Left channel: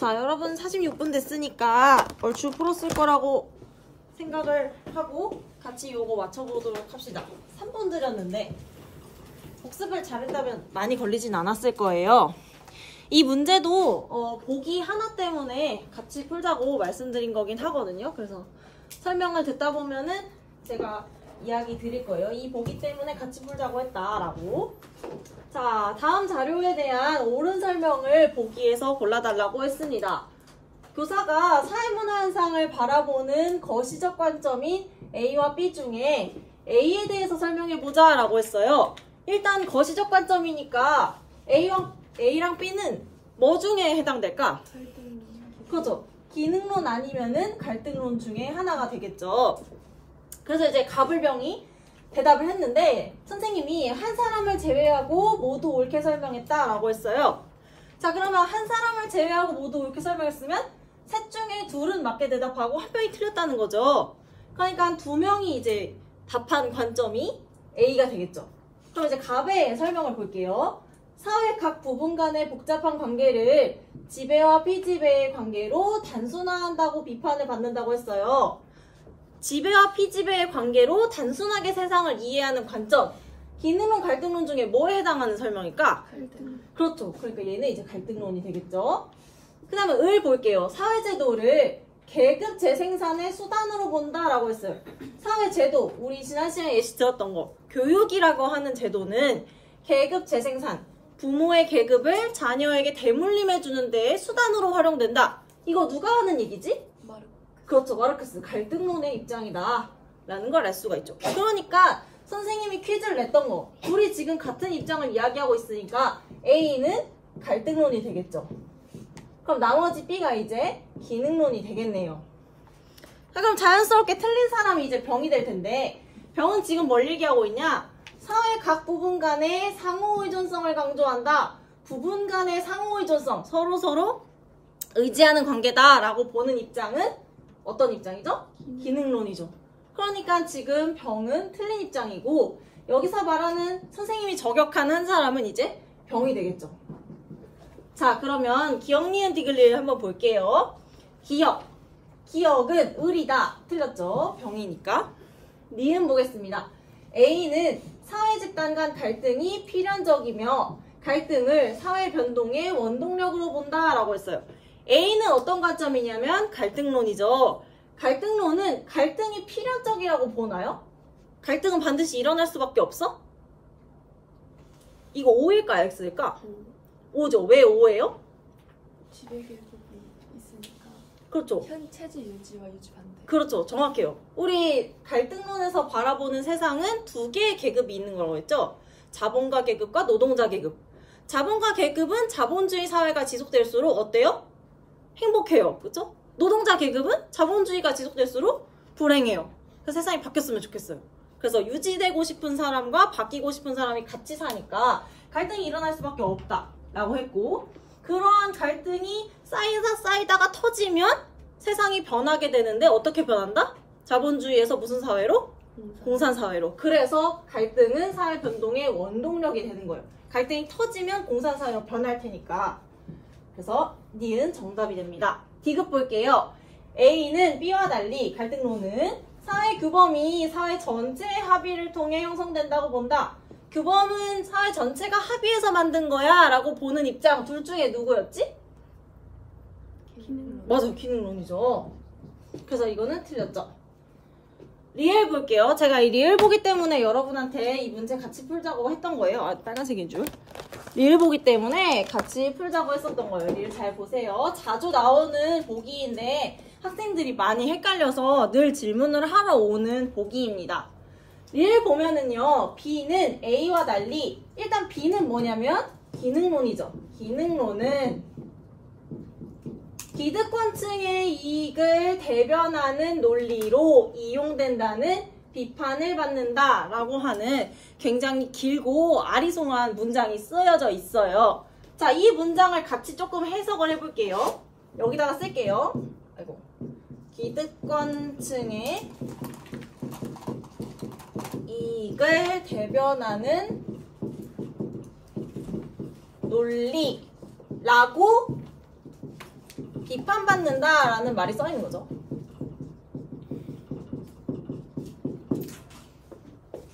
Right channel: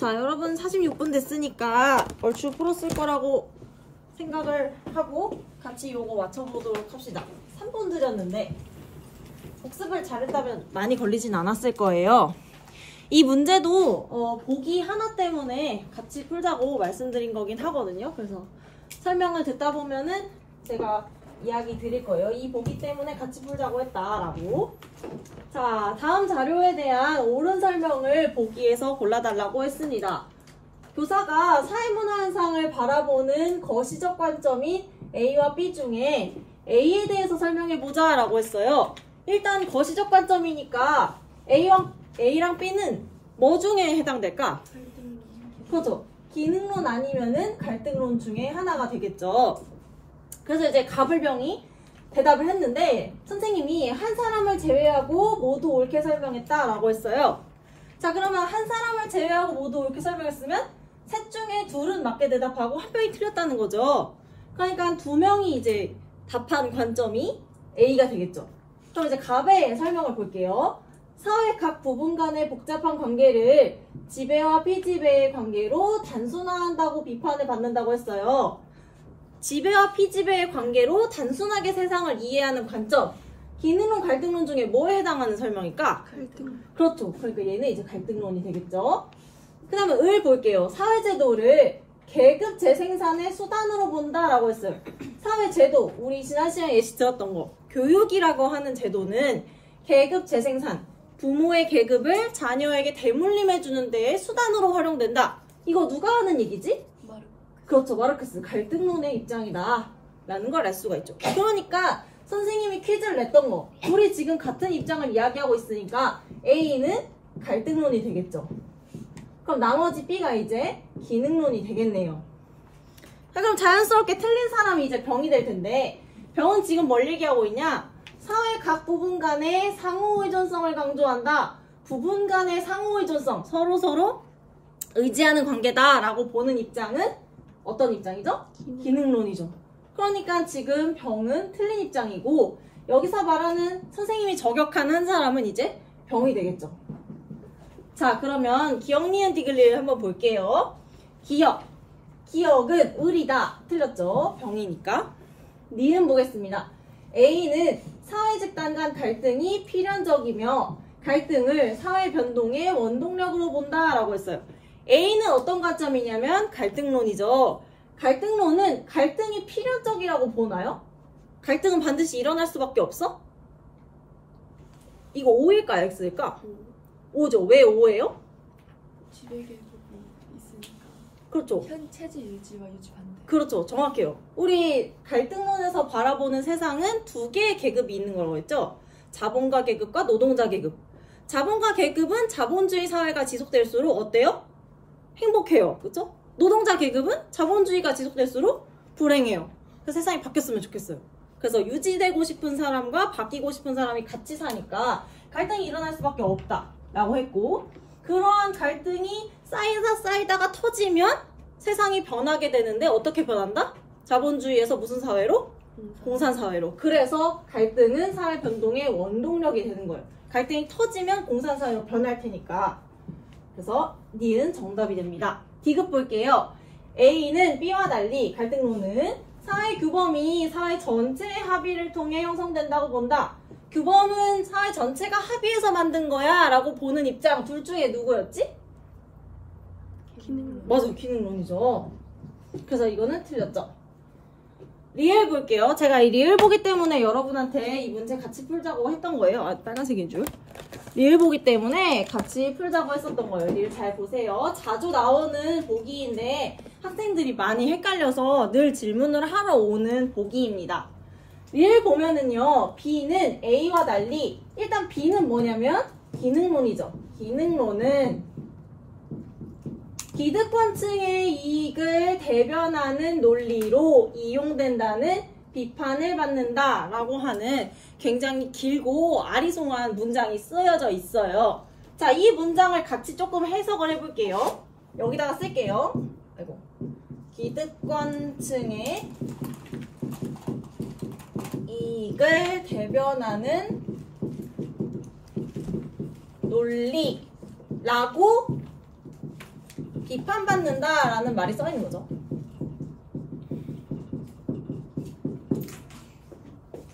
자, 여러분 46분 됐으니까 얼추 풀었을 거라고 생각을 하고 같이 요거 맞춰보도록 합시다. 3번 드렸는데 복습을 잘했다면 많이 걸리진 않았을 거예요. 이 문제도 보기 하나 때문에 같이 풀자고 말씀드린 거긴 하거든요. 그래서 설명을 듣다 보면은 제가 이야기 드릴 거예요. 이 보기 때문에 같이 풀자고 했다라고. 자, 다음 자료에 대한 옳은 설명을 보기에서 골라달라고 했습니다. 교사가 사회문화 현상을 바라보는 거시적 관점인 A와 B 중에 A에 대해서 설명해보자 라고 했어요. 일단 거시적 관점이니까 A랑 B는 뭐 중에 해당될까? 그렇죠. 기능론 아니면은 갈등론 중에 하나가 되겠죠. 그래서 이제 가불병이 대답을 했는데 선생님이 한 사람을 제외하고 모두 옳게 설명했다라고 했어요. 자, 그러면 한 사람을 제외하고 모두 옳게 설명했으면 셋 중에 둘은 맞게 대답하고 한 명이 틀렸다는 거죠. 그러니까 두 명이 이제 답한 관점이 A가 되겠죠. 그럼 이제 갑의 설명을 볼게요. 사회 각 부분 간의 복잡한 관계를 지배와 피지배의 관계로 단순화한다고 비판을 받는다고 했어요. 지배와 피지배의 관계로 단순하게 세상을 이해하는 관점. 기능론, 갈등론 중에 뭐에 해당하는 설명일까? 갈등론. 그렇죠. 그러니까 얘는 이제 갈등론이 되겠죠. 그 다음에 을 볼게요. 사회제도를 계급 재생산의 수단으로 본다라고 했어요. 사회제도, 우리 지난 시간에 예시 들었던 거. 교육이라고 하는 제도는 계급 재생산, 부모의 계급을 자녀에게 대물림해주는 데에 수단으로 활용된다. 이거 누가 하는 얘기지? 그렇죠. 마르크스. 갈등론의 입장이다 라는 걸 알 수가 있죠. 그러니까 선생님이 퀴즈를 냈던 거, 우리 지금 같은 입장을 이야기하고 있으니까 A는 갈등론이 되겠죠. 그럼 나머지 B가 이제 기능론이 되겠네요. 자, 그럼 자연스럽게 틀린 사람이 이제 병이 될 텐데, 병은 지금 뭘 얘기하고 있냐? 사회 각 부분 간의 상호의존성을 강조한다. 부분 간의 상호의존성, 서로 의지하는 관계다라고 보는 입장은 어떤 입장이죠? 기능론이죠. 그러니까 지금 병은 틀린 입장이고, 여기서 말하는 선생님이 저격한 한 사람은 이제 병이 되겠죠. 자, 그러면 기억, 니은, 디귿을 한번 볼게요. 기억은 을이다. 틀렸죠? 병이니까. 니은 보겠습니다. A는 사회 집단 간 갈등이 필연적이며 갈등을 사회 변동의 원동력으로 본다라고 했어요. A는 어떤 관점이냐면 갈등론이죠. 갈등론은 갈등이 필연적이라고 보나요? 갈등은 반드시 일어날 수밖에 없어? 이거 O일까 X일까? O죠. 왜 O예요? 지배계급이 있으니까. 그렇죠. 현 체제 유지와 유지 반대. 그렇죠. 정확해요. 우리 갈등론에서 바라보는 세상은 두 개의 계급이 있는 거라고 했죠. 자본가 계급과 노동자 계급. 자본가 계급은 자본주의 사회가 지속될수록 어때요? 행복해요. 그렇죠? 노동자 계급은 자본주의가 지속될수록 불행해요. 그래서 세상이 바뀌었으면 좋겠어요. 그래서 유지되고 싶은 사람과 바뀌고 싶은 사람이 같이 사니까 갈등이 일어날 수밖에 없다라고 했고, 그러한 갈등이 쌓이다가 터지면 세상이 변하게 되는데 어떻게 변한다? 자본주의에서 무슨 사회로? 공산사회로. 그래서 갈등은 사회 변동의 원동력이 되는 거예요. 갈등이 터지면 공산사회로 변할 테니까. 그래서 니은 정답이 됩니다. 디귿 볼게요. A는 B와 달리 갈등론은 사회 규범이 사회 전체의 합의를 통해 형성된다고 본다. 규범은 사회 전체가 합의해서 만든 거야 라고 보는 입장. 둘 중에 누구였지? 기능론. 맞아요. 기능론이죠. 그래서 이거는 틀렸죠. 리을 볼게요. 제가 이 리을 보기 때문에 여러분한테 이 문제 같이 풀자고 했던 거예요. 아, 빨간색인 줄. 리을 보기 때문에 같이 풀자고 했었던 거예요. 리을 잘 보세요. 자주 나오는 보기인데 학생들이 많이 헷갈려서 늘 질문을 하러 오는 보기입니다. 리을 보면은요, B는 A와 달리 일단 B는 뭐냐면 기능론이죠. 기능론은 기득권층의 이익을 대변하는 논리로 이용된다는 비판을 받는다라고 하는 굉장히 길고 아리송한 문장이 쓰여져 있어요. 자, 이 문장을 같이 조금 해석을 해볼게요. 여기다가 쓸게요. 아이고. 기득권층의 이익을 대변하는 논리라고 비판받는다라는 말이 써 있는 거죠.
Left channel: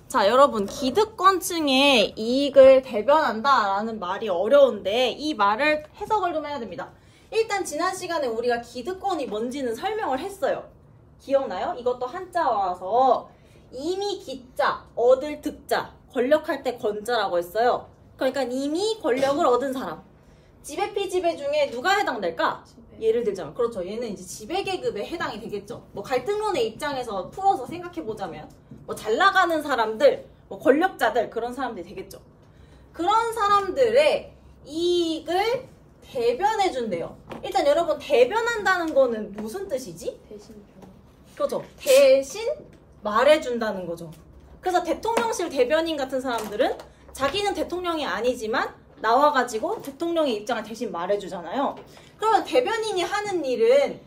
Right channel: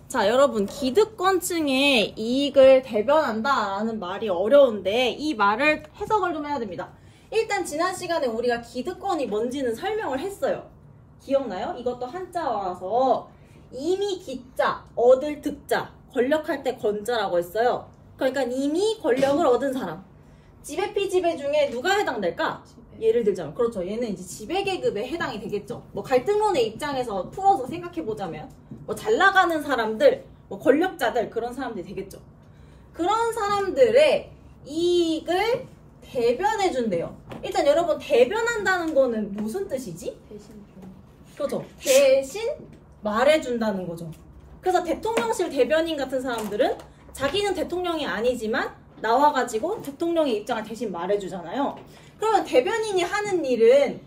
자, 여러분, 기득권층의 이익을 대변한다라는 말이 어려운데 이 말을 해석을 좀 해야 됩니다. 일단 지난 시간에 우리가 기득권이 뭔지는 설명을 했어요. 기억나요? 이것도 한자어라서 이미 기자, 얻을 득자, 권력할 때 권자라고 했어요. 그러니까 이미 권력을 얻은 사람. 지배피 지배 중에 누가 해당될까? 예를 들자면 그렇죠. 얘는 이제 지배계급에 해당이 되겠죠. 뭐 갈등론의 입장에서 풀어서 생각해보자면 뭐 잘 나가는 사람들, 뭐 권력자들 그런 사람들이 되겠죠. 그런 사람들의 이익을 대변해준대요. 일단 여러분 대변한다는 거는 무슨 뜻이지? 그렇죠. 대신 말해준다는 거죠. 그래서 대통령실 대변인 같은 사람들은 자기는 대통령이 아니지만 나와가지고 대통령의 입장을 대신 말해주잖아요. 그러면 대변인이 하는 일은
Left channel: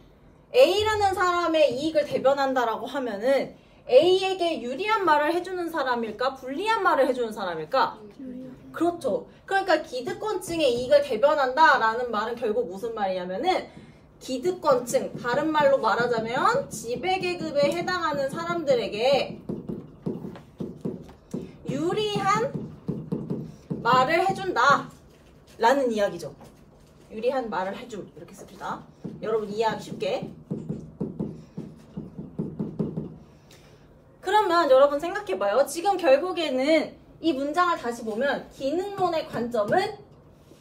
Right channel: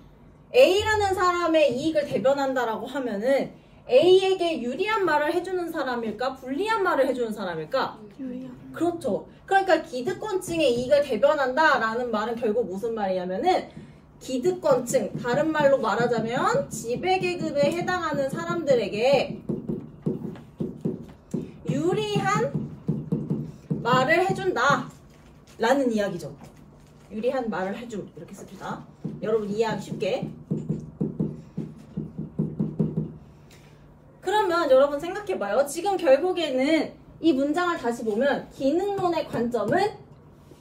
A라는 사람의 이익을 대변한다라고 하면은 A에게 유리한 말을 해주는 사람일까? 불리한 말을 해주는 사람일까? 유리한. 그렇죠. 그러니까 기득권층의 이익을 대변한다라는 말은 결국 무슨 말이냐면은 기득권층, 다른 말로 말하자면 지배계급에 해당하는 사람들에게 유리한 말을 해준다 라는 이야기죠. 유리한 말을 해줌 이렇게 씁니다. 여러분 이해하기 쉽게. 그러면 여러분 생각해봐요. 지금 결국에는 이 문장을 다시 보면 기능론의 관점은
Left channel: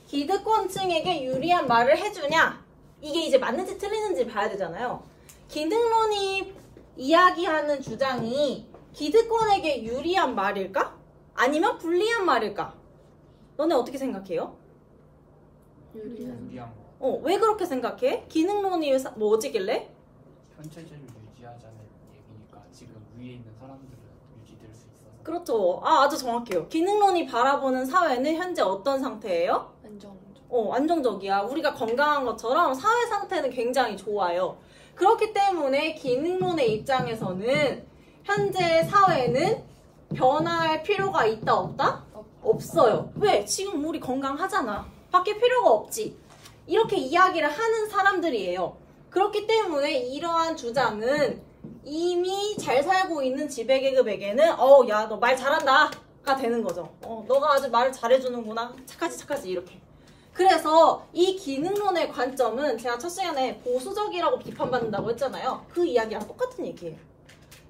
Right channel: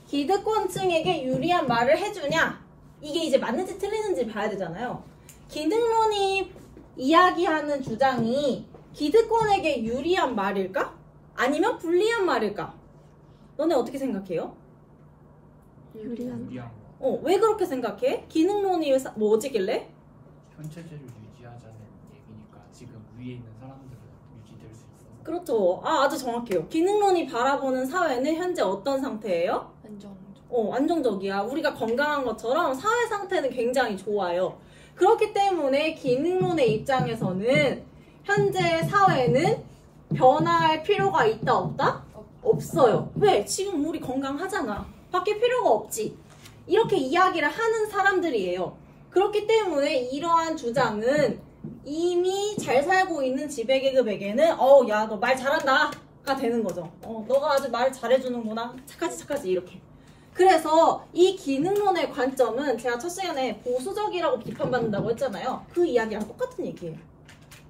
기득권층에게 유리한 말을 해주냐, 이게 이제 맞는지 틀리는지 봐야 되잖아요. 기능론이 이야기하는 주장이 기득권에게 유리한 말일까? 아니면 불리한 말일까? 너네 어떻게 생각해요? 유리한. 왜 그렇게 생각해? 기능론이 뭐지길래? 현재제를 유지하자는 얘기니까 지금 위에 있는 사람들은 유지될 수 있어. 그렇죠. 아주 정확해요. 기능론이 바라보는 사회는 현재 어떤 상태예요? 안정적이야. 우리가 건강한 것처럼 사회 상태는 굉장히 좋아요. 그렇기 때문에 기능론의 입장에서는 현재 사회는 변화할 필요가 있다 없다? 없어요. 왜? 지금 우리 건강하잖아. 바뀔 필요가 없지. 이렇게 이야기를 하는 사람들이에요. 그렇기 때문에 이러한 주장은 이미 잘 살고 있는 지배계급에게는 야, 너 말 잘한다 가 되는 거죠. 너가 아주 말을 잘해주는구나. 착하지 이렇게. 그래서 이 기능론의 관점은 제가 첫 시간에 보수적이라고 비판받는다고 했잖아요. 그 이야기랑 똑같은 얘기예요.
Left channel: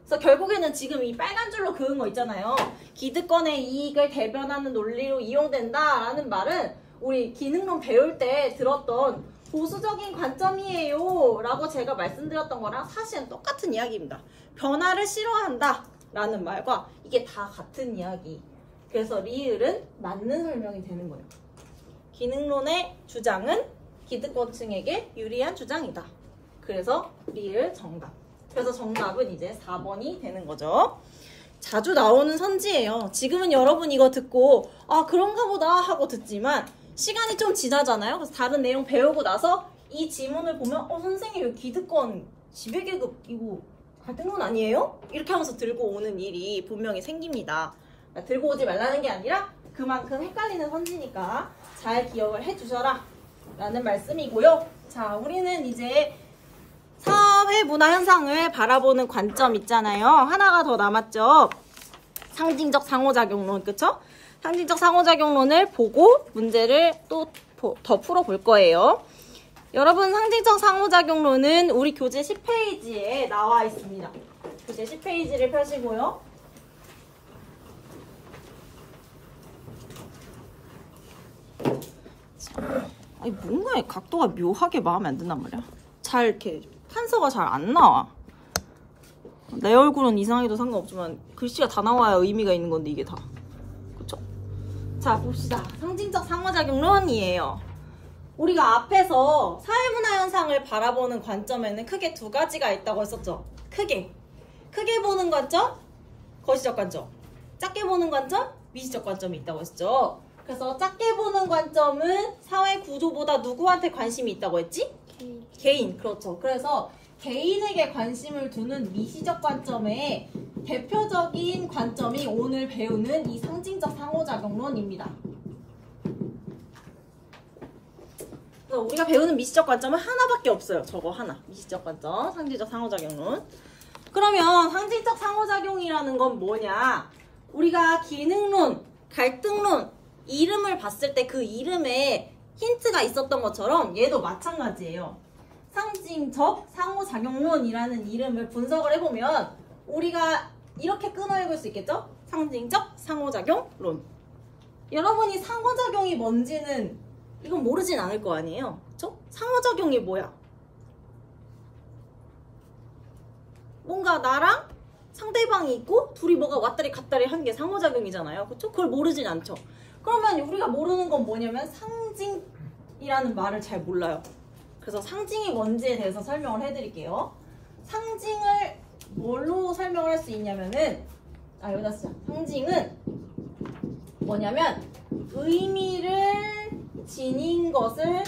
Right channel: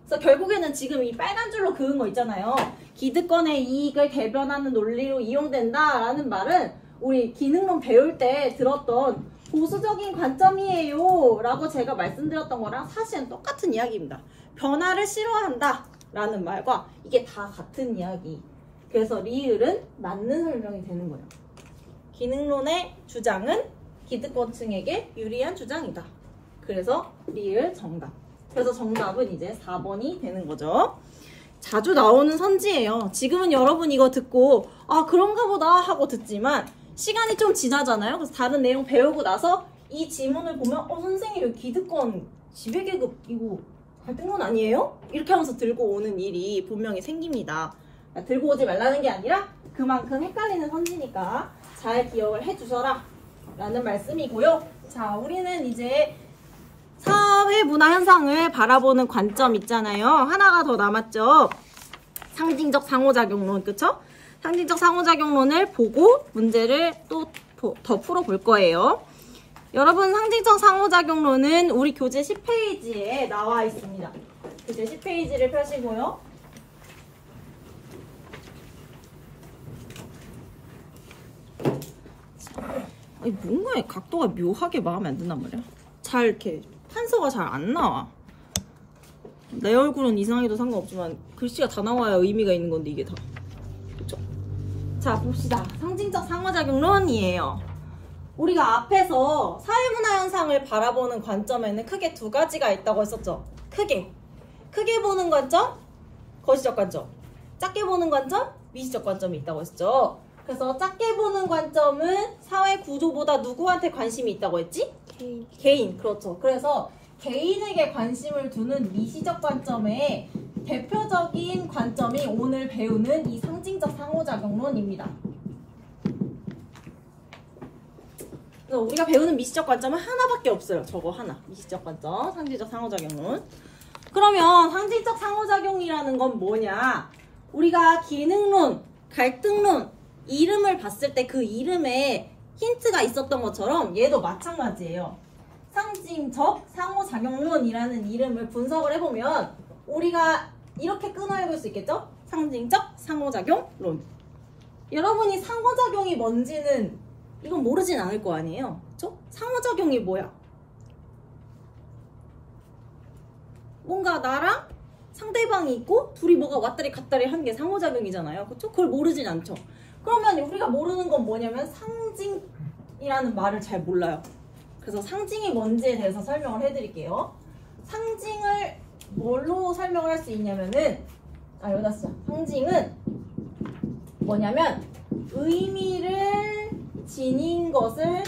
그래서 결국에는 지금 이 빨간 줄로 그은 거 있잖아요. 기득권의 이익을 대변하는 논리로 이용된다라는 말은 우리 기능론 배울 때 들었던 보수적인 관점이에요 라고 제가 말씀드렸던 거랑 사실은 똑같은 이야기입니다. 변화를 싫어한다 라는 말과 이게 다 같은 이야기. 그래서 리을은 맞는 설명이 되는 거예요. 기능론의 주장은 기득권층에게 유리한 주장이다. 그래서 리을 정답. 그래서 정답은 이제 4번이 되는 거죠. 자주 나오는 선지예요. 지금은 여러분 이거 듣고 그런가 보다 하고 듣지만 시간이 좀 지나잖아요. 그래서 다른 내용 배우고 나서 이 지문을 보면 선생님 이거 기득권 지배계급 이거 갈등론 아니에요? 이렇게 하면서 들고 오는 일이 분명히 생깁니다. 들고 오지 말라는 게 아니라 그만큼 헷갈리는 선지니까 잘 기억을 해주셔라 라는 말씀이고요. 자, 우리는 이제 사회 문화 현상을 바라보는 관점 있잖아요. 하나가 더 남았죠. 상징적 상호작용론, 그쵸? 상징적 상호작용론을 보고 문제를 또 더 풀어볼 거예요. 여러분, 상징적 상호작용론은 우리 교재 10페이지에 나와 있습니다. 교재 10페이지를 펴시고요. 아니, 뭔가 각도가 묘하게 마음에 안 든단 말이야. 잘 이렇게 판서가 잘 안 나와. 내 얼굴은 이상해도 상관없지만 글씨가 다 나와야 의미가 있는 건데 이게 다. 그쵸? 자, 봅시다. 상징적 상호작용론이에요. 우리가 앞에서 사회문화 현상을 바라보는 관점에는 크게 두 가지가 있다고 했었죠. 크게 보는 관점, 거시적 관점. 작게 보는 관점, 미시적 관점이 있다고 했죠. 그래서 작게 보는 관점은 사회 구조보다 누구한테 관심이 있다고 했지? 개인. 그렇죠. 그래서 개인에게 관심을 두는 미시적 관점의 대표적인 관점이 오늘 배우는 이 상징적 상호작용론입니다. 그래서 우리가 배우는 미시적 관점은 하나밖에 없어요. 저거 하나. 미시적 관점, 상징적 상호작용론. 그러면 상징적 상호작용이라는 건 뭐냐? 우리가 기능론, 갈등론 이름을 봤을 때 그 이름에 힌트가 있었던 것처럼 얘도 마찬가지예요. 상징적 상호작용론이라는 이름을 분석을 해보면 우리가 이렇게 끊어내볼 수 있겠죠? 상징적 상호작용론. 여러분이 상호작용이 뭔지는 이건 모르진 않을 거 아니에요. 그쵸? 상호작용이 뭐야? 뭔가 나랑 상대방이 있고 둘이 뭐가 왔다리 갔다리 하는 게 상호작용이잖아요. 그쵸? 그걸 모르진 않죠. 그러면 우리가 모르는 건 뭐냐면 상징이라는 말을 잘 몰라요. 그래서 상징이 뭔지에 대해서 설명을 해드릴게요. 상징을 뭘로 설명을 할 수 있냐면은 여기다 쓰자. 상징은 뭐냐면 의미를 지닌 것을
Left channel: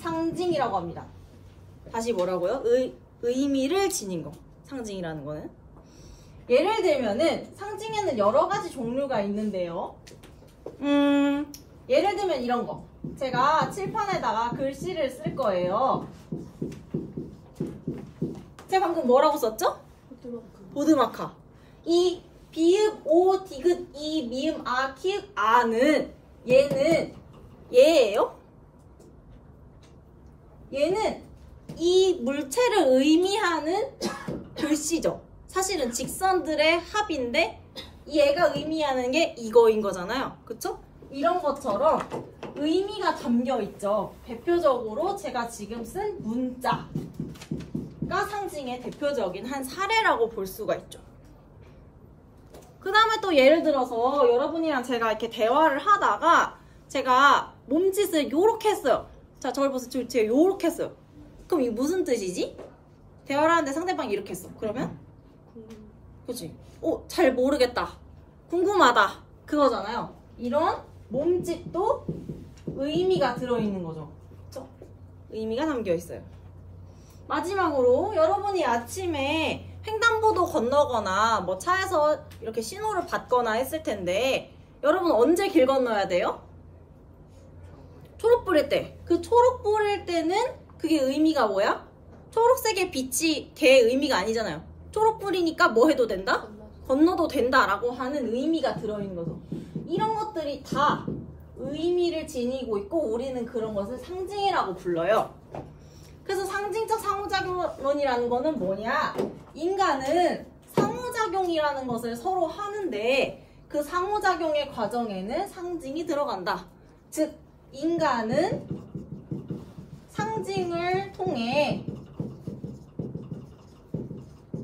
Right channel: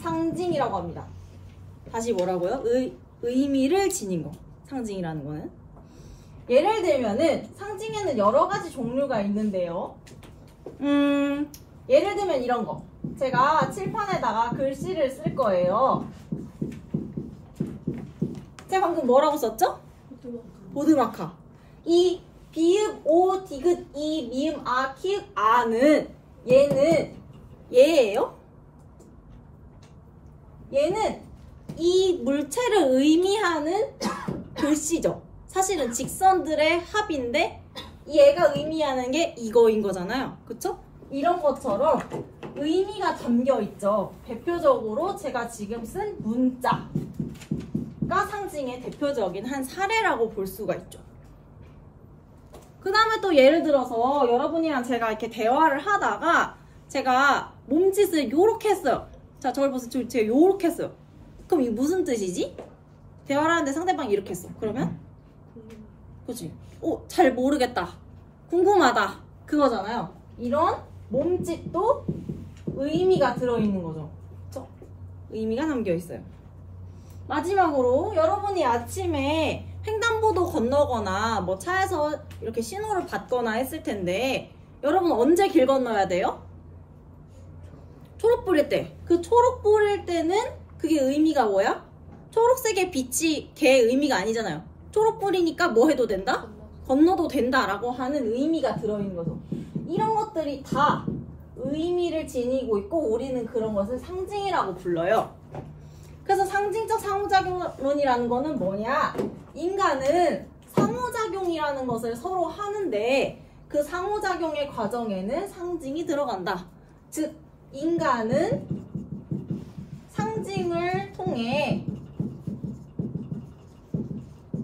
상징이라고 합니다. 다시 뭐라고요? 의미를 지닌 거. 상징이라는 거는. 예를 들면은 상징에는 여러 가지 종류가 있는데요. 예를 들면 이런 거. 제가 칠판에다가 글씨를 쓸 거예요. 제가 방금 뭐라고 썼죠? 보드마카. 이 비읍, 오, 디귿, 이, 미음, 아, 키읔, 아는 얘예요? 얘는 이 물체를 의미하는 글씨죠. 사실은 직선들의 합인데 얘가 의미하는 게 이거인 거잖아요. 그쵸? 이런 것처럼 의미가 담겨 있죠. 대표적으로 제가 지금 쓴 문자가 상징의 대표적인 한 사례라고 볼 수가 있죠. 그 다음에 또 예를 들어서 여러분이랑 제가 이렇게 대화를 하다가 제가 몸짓을 요렇게 했어요. 자, 저걸 보세요. 제가 요렇게 했어요. 그럼 이게 무슨 뜻이지? 대화를 하는데 상대방이 이렇게 했어. 그러면? 그치? 잘 모르겠다. 궁금하다. 그거잖아요. 이런 몸짓도 의미가 들어있는 거죠. 그쵸? 의미가 담겨 있어요. 마지막으로 여러분이 아침에 횡단보도 건너거나 뭐 차에서 이렇게 신호를 받거나 했을 텐데 여러분 언제 길 건너야 돼요? 초록불일 때. 그 초록불일 때는 그게 의미가 뭐야? 초록색의 빛이 걔의 의미가 아니잖아요. 초록불이니까 뭐 해도 된다? 건너도 된다라고 하는 의미가 들어있는 거죠. 이런 것들이 다 의미를 지니고 있고 우리는 그런 것을 상징이라고 불러요. 그래서 상징적 상호작용론이라는 거는 뭐냐? 인간은 상호작용이라는 것을 서로 하는데 그 상호작용의 과정에는 상징이 들어간다. 즉 인간은 상징을 통해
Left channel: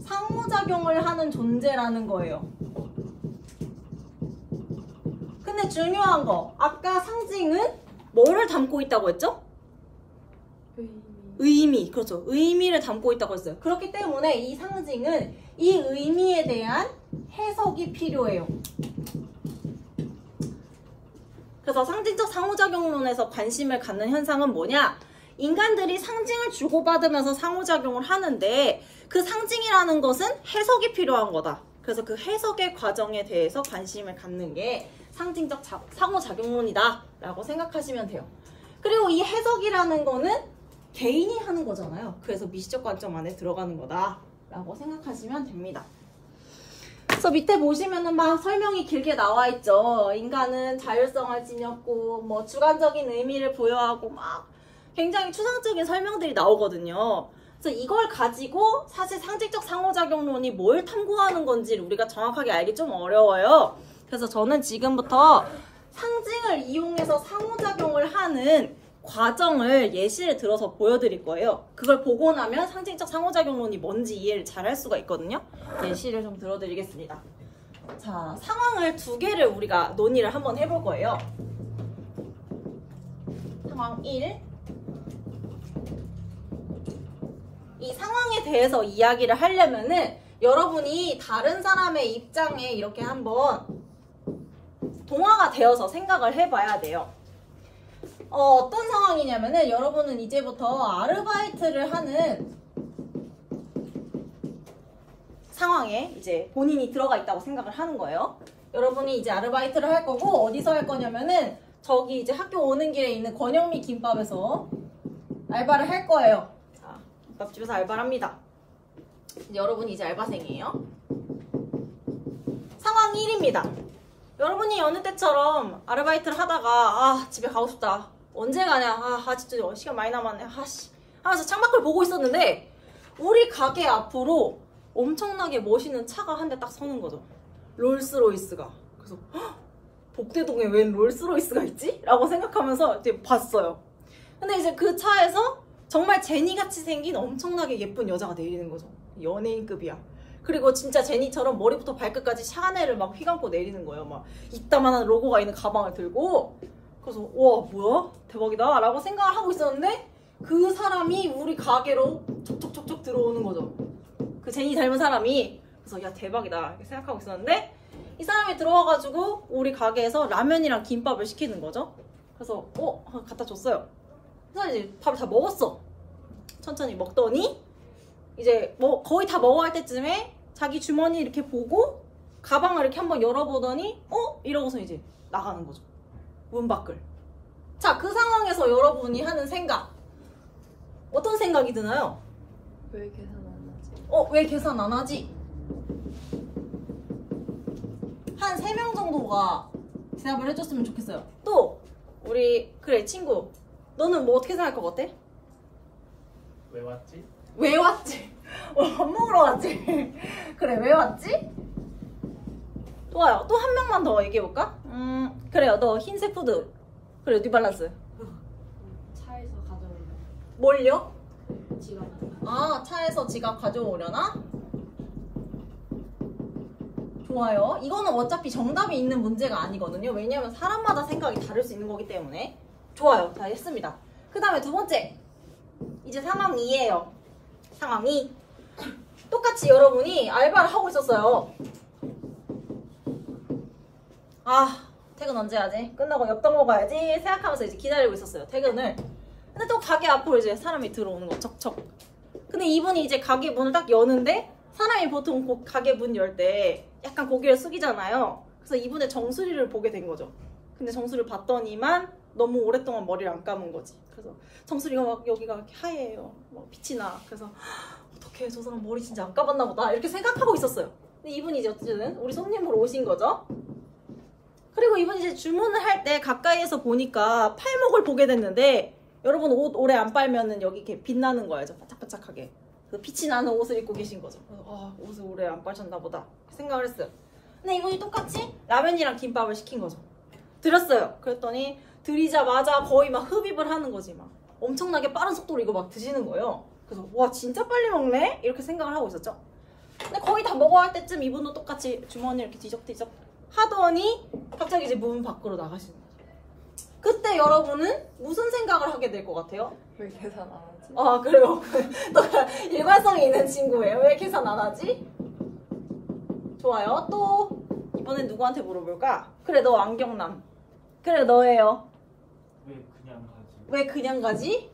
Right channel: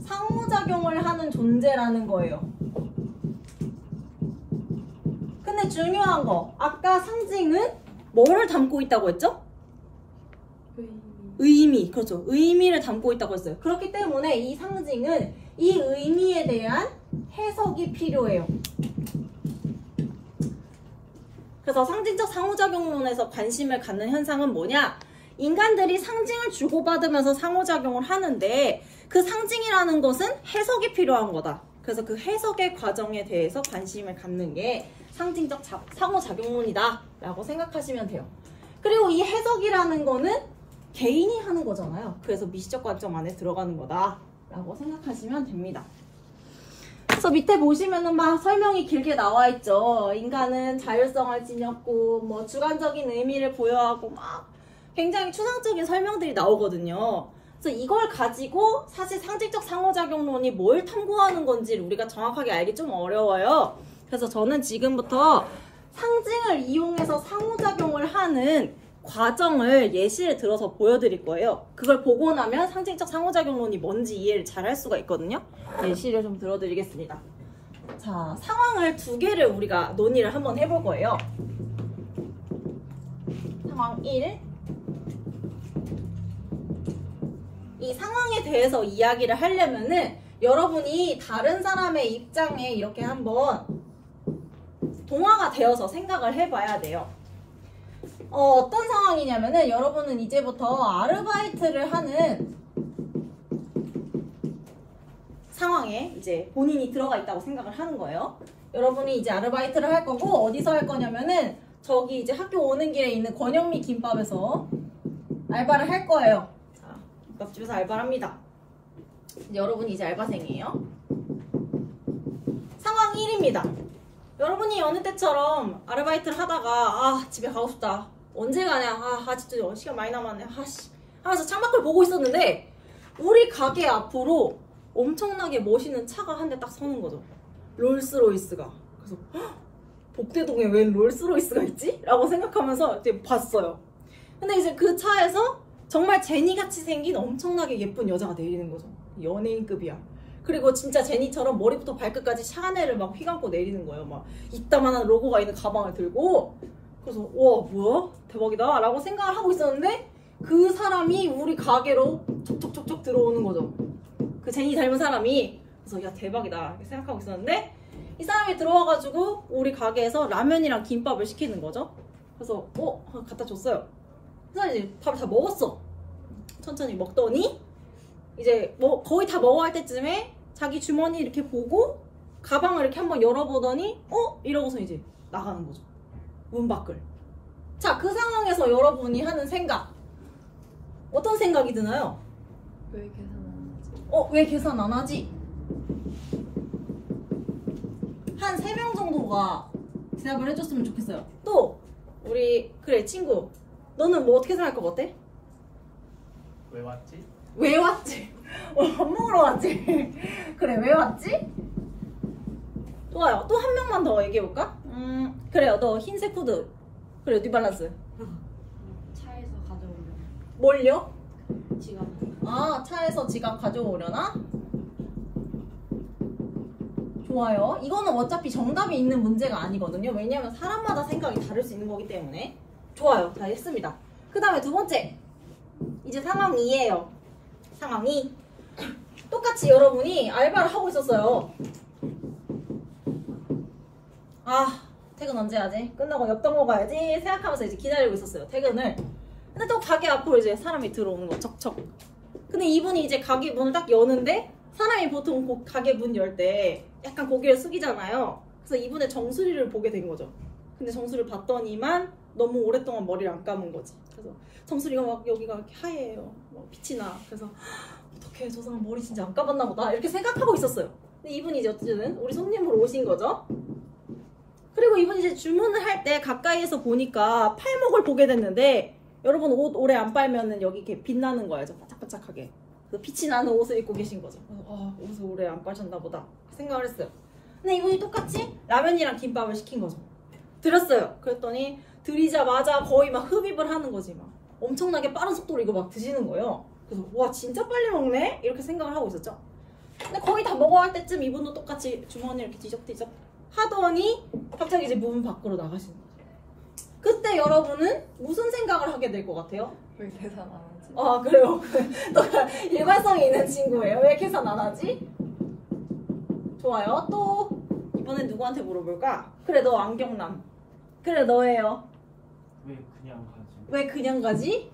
상호작용을 하는 존재라는 거예요. 근데 중요한 거, 아까 상징은 뭐를 담고 있다고 했죠? 의미, 그렇죠. 의미를 담고 있다고 했어요. 그렇기 때문에 이 상징은 이 의미에 대한 해석이 필요해요. 그래서 상징적 상호작용론에서 관심을 갖는 현상은 뭐냐? 인간들이 상징을 주고받으면서 상호작용을 하는데 그 상징이라는 것은 해석이 필요한 거다. 그래서 그 해석의 과정에 대해서 관심을 갖는 게 상징적 상호작용론이다 라고 생각하시면 돼요. 그리고 이 해석이라는 거는 개인이 하는 거잖아요. 그래서 미시적 관점 안에 들어가는 거다 라고 생각하시면 됩니다. 그래서 밑에 보시면은 막 설명이 길게 나와 있죠. 인간은 자율성을 지녔고 뭐 주관적인 의미를 부여하고 막 굉장히 추상적인 설명들이 나오거든요. 그래서 이걸 가지고 사실 상징적 상호작용론이 뭘 탐구하는 건지를 우리가 정확하게 알기 좀 어려워요. 그래서 저는 지금부터 상징을 이용해서 상호작용을 하는 과정을 예시를 들어서 보여드릴 거예요. 그걸 보고 나면 상징적 상호작용론이 뭔지 이해를 잘 할 수가 있거든요. 예시를 좀 들어드리겠습니다. 자, 상황을 두 개를 우리가 논의를 한번 해볼 거예요. 상황 1. 이 상황에 대해서 이야기를 하려면은 여러분이 다른 사람의 입장에 이렇게 한번 동화가 되어서 생각을 해봐야 돼요. 어떤 상황이냐면은 여러분은 이제부터 아르바이트를 하는 상황에 이제 본인이 들어가 있다고 생각을 하는 거예요. 여러분이 이제 아르바이트를 할 거고 어디서 할 거냐면은 저기 이제 학교 오는 길에 있는 권영미 김밥에서 알바를 할 거예요. 자, 김밥집에서 알바를 합니다. 여러분이 이제 알바생이에요. 상황 1입니다. 여러분이 여느 때처럼 아르바이트를 하다가 집에 가고 싶다. 언제 가냐? 진짜 시간 많이 남았네. 하면서 창밖을 보고 있었는데 우리 가게 앞으로 엄청나게 멋있는 차가 한 대 딱 서는 거죠. 롤스로이스가. 그래서 복대동에 웬 롤스로이스가 있지? 라고 생각하면서 이제 봤어요. 근데 이제 그 차에서 정말 제니같이 생긴 엄청나게 예쁜 여자가 내리는 거죠. 연예인급이야. 그리고 진짜 제니처럼 머리부터 발끝까지 샤넬을 막 휘감고 내리는 거예요. 막 이따만한 로고가 있는 가방을 들고. 그래서 와 뭐야? 대박이다 라고 생각을 하고 있었는데 그 사람이 우리 가게로 촉촉촉촉 들어오는 거죠. 그 제니 닮은 사람이. 그래서 야 대박이다 이렇게 생각하고 있었는데 이 사람이 들어와가지고 우리 가게에서 라면이랑 김밥을 시키는 거죠. 그래서 갖다 줬어요. 그래서 이제 밥을 다 먹었어. 천천히 먹더니 이제 뭐 거의 다 먹어갈 때쯤에 자기 주머니 이렇게 보고 가방을 이렇게 한번 열어보더니 이러고서 이제 나가는 거죠. 문 밖을. 자, 그 상황에서 여러분이 하는 생각 어떤 생각이 드나요? 왜 계산 안 하지? 왜 계산 안 하지? 한 3명 정도가 대답을 해줬으면 좋겠어요. 또 우리 그래 친구 너는 뭐 어떻게 생각할 것 같아? 왜 왔지? 왜 왔지? 밥 먹으러 왔지? 그래 왜 왔지? 좋아요. 또 한 명만 더 얘기해볼까? 그래요. 너 흰색 푸드. 그래 뉴발란스. 차에서 가져오려나? 뭘요? 지갑. 차에서 지갑 가져오려나? 좋아요. 이거는 어차피 정답이 있는 문제가 아니거든요. 왜냐하면 사람마다 생각이 다를 수 있는 거기 때문에. 좋아요. 다 했습니다. 그 다음에 두 번째. 이제 상황 2예요. 상황 2. 똑같이 여러분이 알바를 하고 있었어요. 퇴근 언제 하지? 끝나고 엽떡 먹어야지 생각하면서 이제 기다리고 있었어요. 퇴근을. 근데 또 가게 앞으로 이제 사람이 들어오는 거 척척. 근데 이분이 이제 가게 문을 딱 여는데 사람이 보통 가게 문 열 때 약간 고개를 숙이잖아요. 그래서 이분의 정수리를 보게 된 거죠. 근데 정수리를 봤더니만 너무 오랫동안 머리를 안 감은 거지. 그래서 정수리가 막 여기가 이렇게 하얘요. 빛이 나. 그래서 어떡해 저 사람 머리 진짜 안 감았나 보다 이렇게 생각하고 있었어요. 근데 이분이 이제 어쨌든 우리 손님으로 오신 거죠. 그리고 이분이 이제 주문을 할 때 가까이에서 보니까 팔목을 보게 됐는데 여러분 옷 오래 안 빨면은 여기 이렇게 빛나는 거예요. 반짝반짝하게. 그 빛이 나는 옷을 입고 계신 거죠. 옷을 오래 안 빨셨나 보다 생각을 했어요. 근데 이분이 똑같이 라면이랑 김밥을 시킨 거죠. 드렸어요. 그랬더니 드리자마자 거의 막 흡입을 하는 거지. 막 엄청나게 빠른 속도로 이거 막 드시는 거예요. 그래서 와 진짜 빨리 먹네? 이렇게 생각을 하고 있었죠. 근데 거의 다 먹어갈 때쯤 이분도 똑같이 주머니 이렇게 뒤적뒤적 하더니 갑자기 이제 문 밖으로 나가시는 거죠. 그때 여러분은 무슨 생각을 하게 될 것 같아요? 왜 계산 안 하지? 그래요. 또 일관성이 있는 친구예요. 왜 계산 안 하지? 좋아요. 또 이번엔 누구한테 물어볼까? 그래 너 안경남. 그래 너예요. 왜 그냥 가지? 왜 그냥 가지?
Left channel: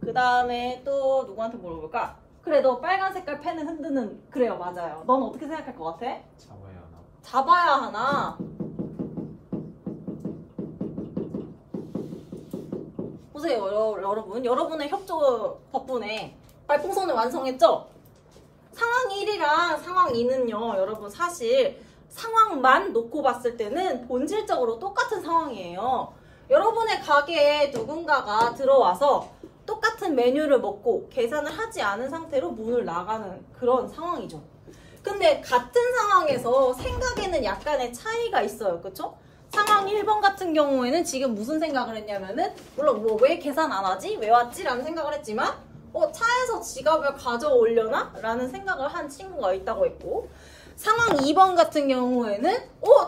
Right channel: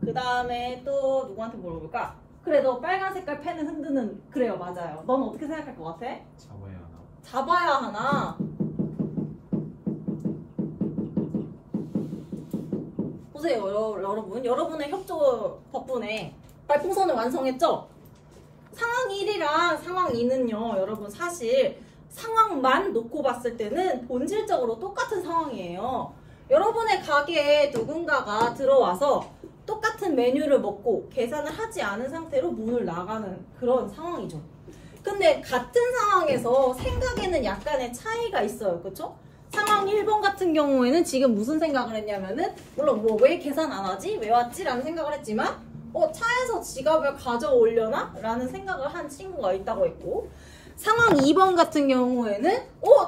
그 다음에 또 누구한테 물어볼까? 그래 너 빨간 색깔 펜을 흔드는. 그래요 맞아요. 넌 어떻게 생각할 것 같아? 잡아야 하나? 잡아야 하나? 보세요 여러분. 여러분의 협조 덕분에 말풍선을 완성했죠? 상황 1이랑 상황 2는요 여러분 사실 상황만 놓고 봤을 때는 본질적으로 똑같은 상황이에요. 여러분의 가게에 누군가가 들어와서 똑같은 메뉴를 먹고 계산을 하지 않은 상태로 문을 나가는 그런 상황이죠. 근데 같은 상황에서 생각에는 약간의 차이가 있어요. 그쵸? 상황 1번 같은 경우에는 지금 무슨 생각을 했냐면은 물론 왜 계산 안 하지? 왜 왔지? 라는 생각을 했지만 차에서 지갑을 가져오려나? 라는 생각을 한 친구가 있다고 했고 상황 2번 같은 경우에는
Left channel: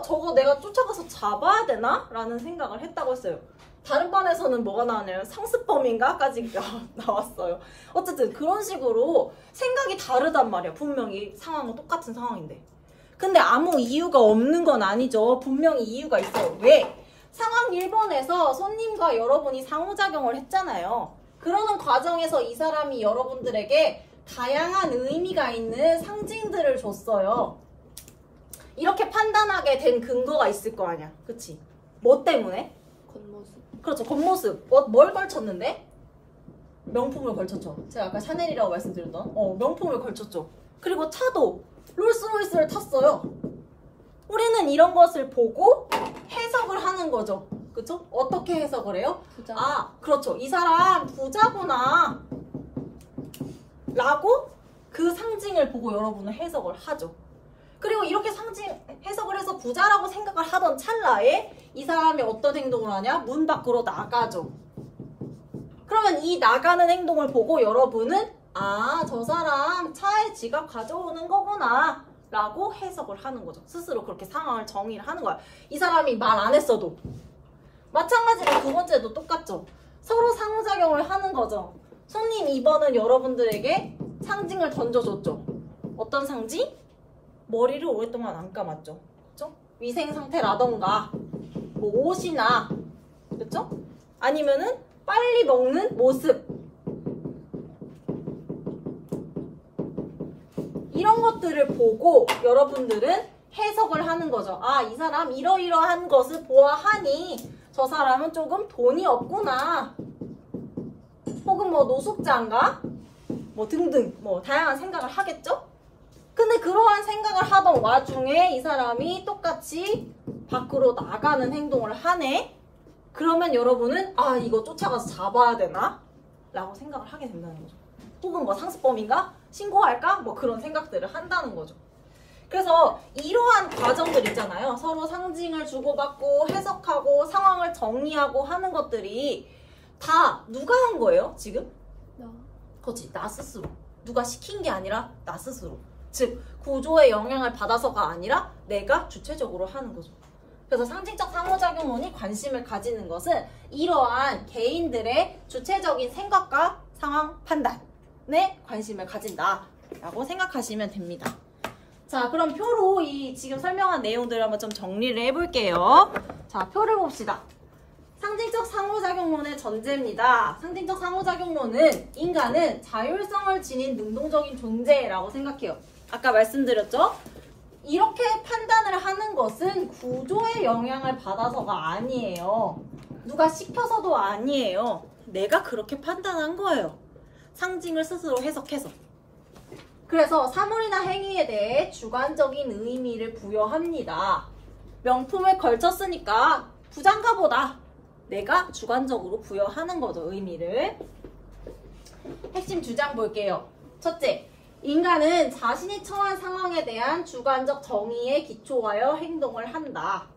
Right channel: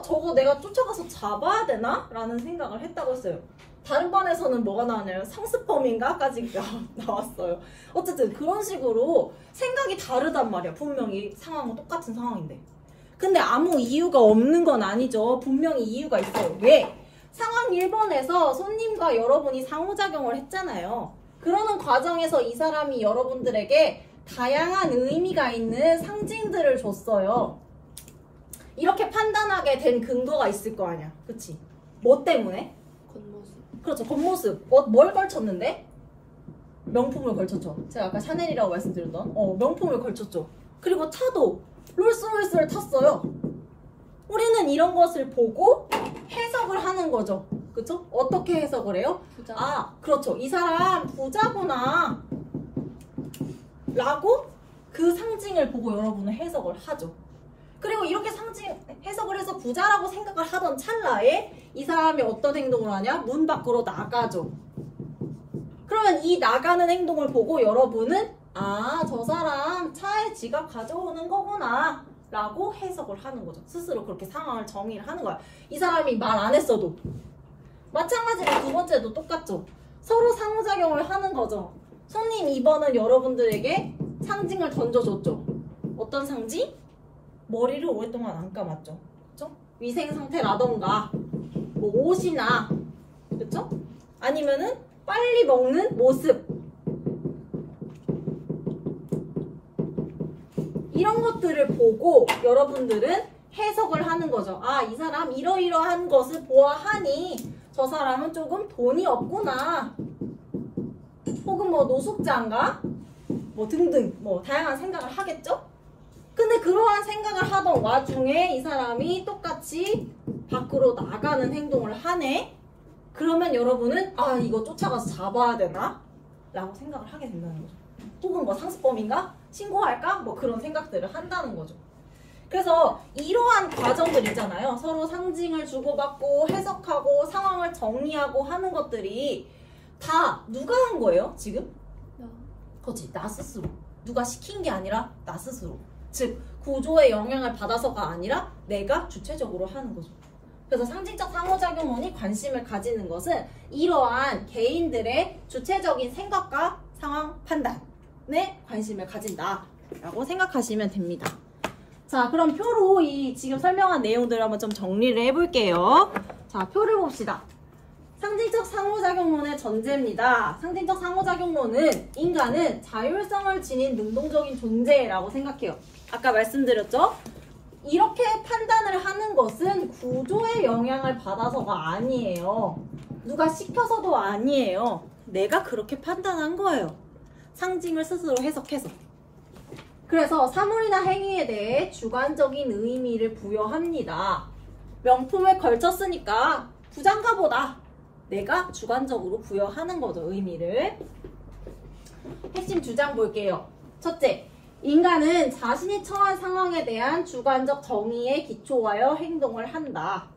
저거 내가 쫓아가서 잡아야 되나? 라는 생각을 했다고 했어요. 다른 반에서는 뭐가 나왔냐면 상습범인가? 까지 나왔어요. 어쨌든 그런 식으로 생각이 다르단 말이야. 분명히 상황은 똑같은 상황인데. 근데 아무 이유가 없는 건 아니죠. 분명히 이유가 있어요. 왜? 상황 1번에서 손님과 여러분이 상호작용을 했잖아요. 그러는 과정에서 이 사람이 여러분들에게 다양한 의미가 있는 상징들을 줬어요. 이렇게 판단하게 된 근거가 있을 거 아니야. 그치? 뭐 때문에? 겉모습. 그렇죠. 겉모습. 뭘 걸쳤는데? 명품을 걸쳤죠. 제가 아까 샤넬이라고 말씀드렸던 명품을 걸쳤죠. 그리고 차도 롤스로이스를 탔어요. 우리는 이런 것을 보고 해석을 하는 거죠. 그쵸? 어떻게 해석을 해요? 부자. 아, 그렇죠. 이 사람 부자구나 라고 그 상징을 보고 여러분은 해석을 하죠. 그리고 이렇게 해석을 해서 부자라고 생각을 하던 찰나에 이 사람이 어떤 행동을 하냐? 문 밖으로 나가죠. 그러면 이 나가는 행동을 보고 여러분은 아, 저 사람 차에 지갑 가져오는 거구나 라고 해석을 하는 거죠. 스스로 그렇게 상황을 정의를 하는 거야. 이 사람이 말 안 했어도. 마찬가지로 두 번째도 똑같죠. 서로 상호작용을 하는 거죠. 손님 2번은 여러분들에게 상징을 던져줬죠. 어떤 상징? 머리를 오랫동안 안 감았죠. 그쵸? 위생 상태라던가 뭐 옷이나 그쵸? 아니면은 빨리 먹는 모습 이런 것들을 보고 여러분들은 해석을 하는 거죠. 아, 이 사람 이러이러한 것을 보아하니 저 사람은 조금 돈이 없구나. 혹은 뭐 노숙자인가? 뭐 등등 뭐 다양한 생각을 하겠죠? 근데 그러한 생각을 하던 와중에 이 사람이 똑같이 밖으로 나가는 행동을 하네? 그러면 여러분은 아, 이거 쫓아가서 잡아야 되나? 라고 생각을 하게 된다는 거죠. 혹은 뭐 상습범인가? 신고할까? 뭐 그런 생각들을 한다는 거죠. 그래서 이러한 과정들 있잖아요. 서로 상징을 주고받고 해석하고 상황을 정리하고 하는 것들이 다 누가 한 거예요? 지금? 그렇지, 나 스스로. 누가 시킨 게 아니라 나 스스로. 즉 구조의 영향을 받아서가 아니라 내가 주체적으로 하는 거죠. 그래서 상징적 상호작용론이 관심을 가지는 것은 이러한 개인들의 주체적인 생각과 상황 판단에 관심을 가진다라고 생각하시면 됩니다. 자, 그럼 표로 이 지금 설명한 내용들을 한번 좀 정리를 해볼게요. 자, 표를 봅시다. 상징적 상호작용론의 전제입니다. 상징적 상호작용론은 인간은 자율성을 지닌 능동적인 존재라고 생각해요. 아까 말씀드렸죠? 이렇게 판단을 하는 것은 구조의 영향을 받아서가 아니에요. 누가 시켜서도 아니에요. 내가 그렇게 판단한 거예요. 상징을 스스로 해석해서. 그래서 사물이나 행위에 대해 주관적인 의미를 부여합니다. 명품을 걸쳤으니까 부자인가 보다. 내가 주관적으로 부여하는 거죠, 의미를. 핵심 주장 볼게요. 첫째, 인간은 자신이 처한 상황에 대한 주관적 정의에 기초하여 행동을 한다.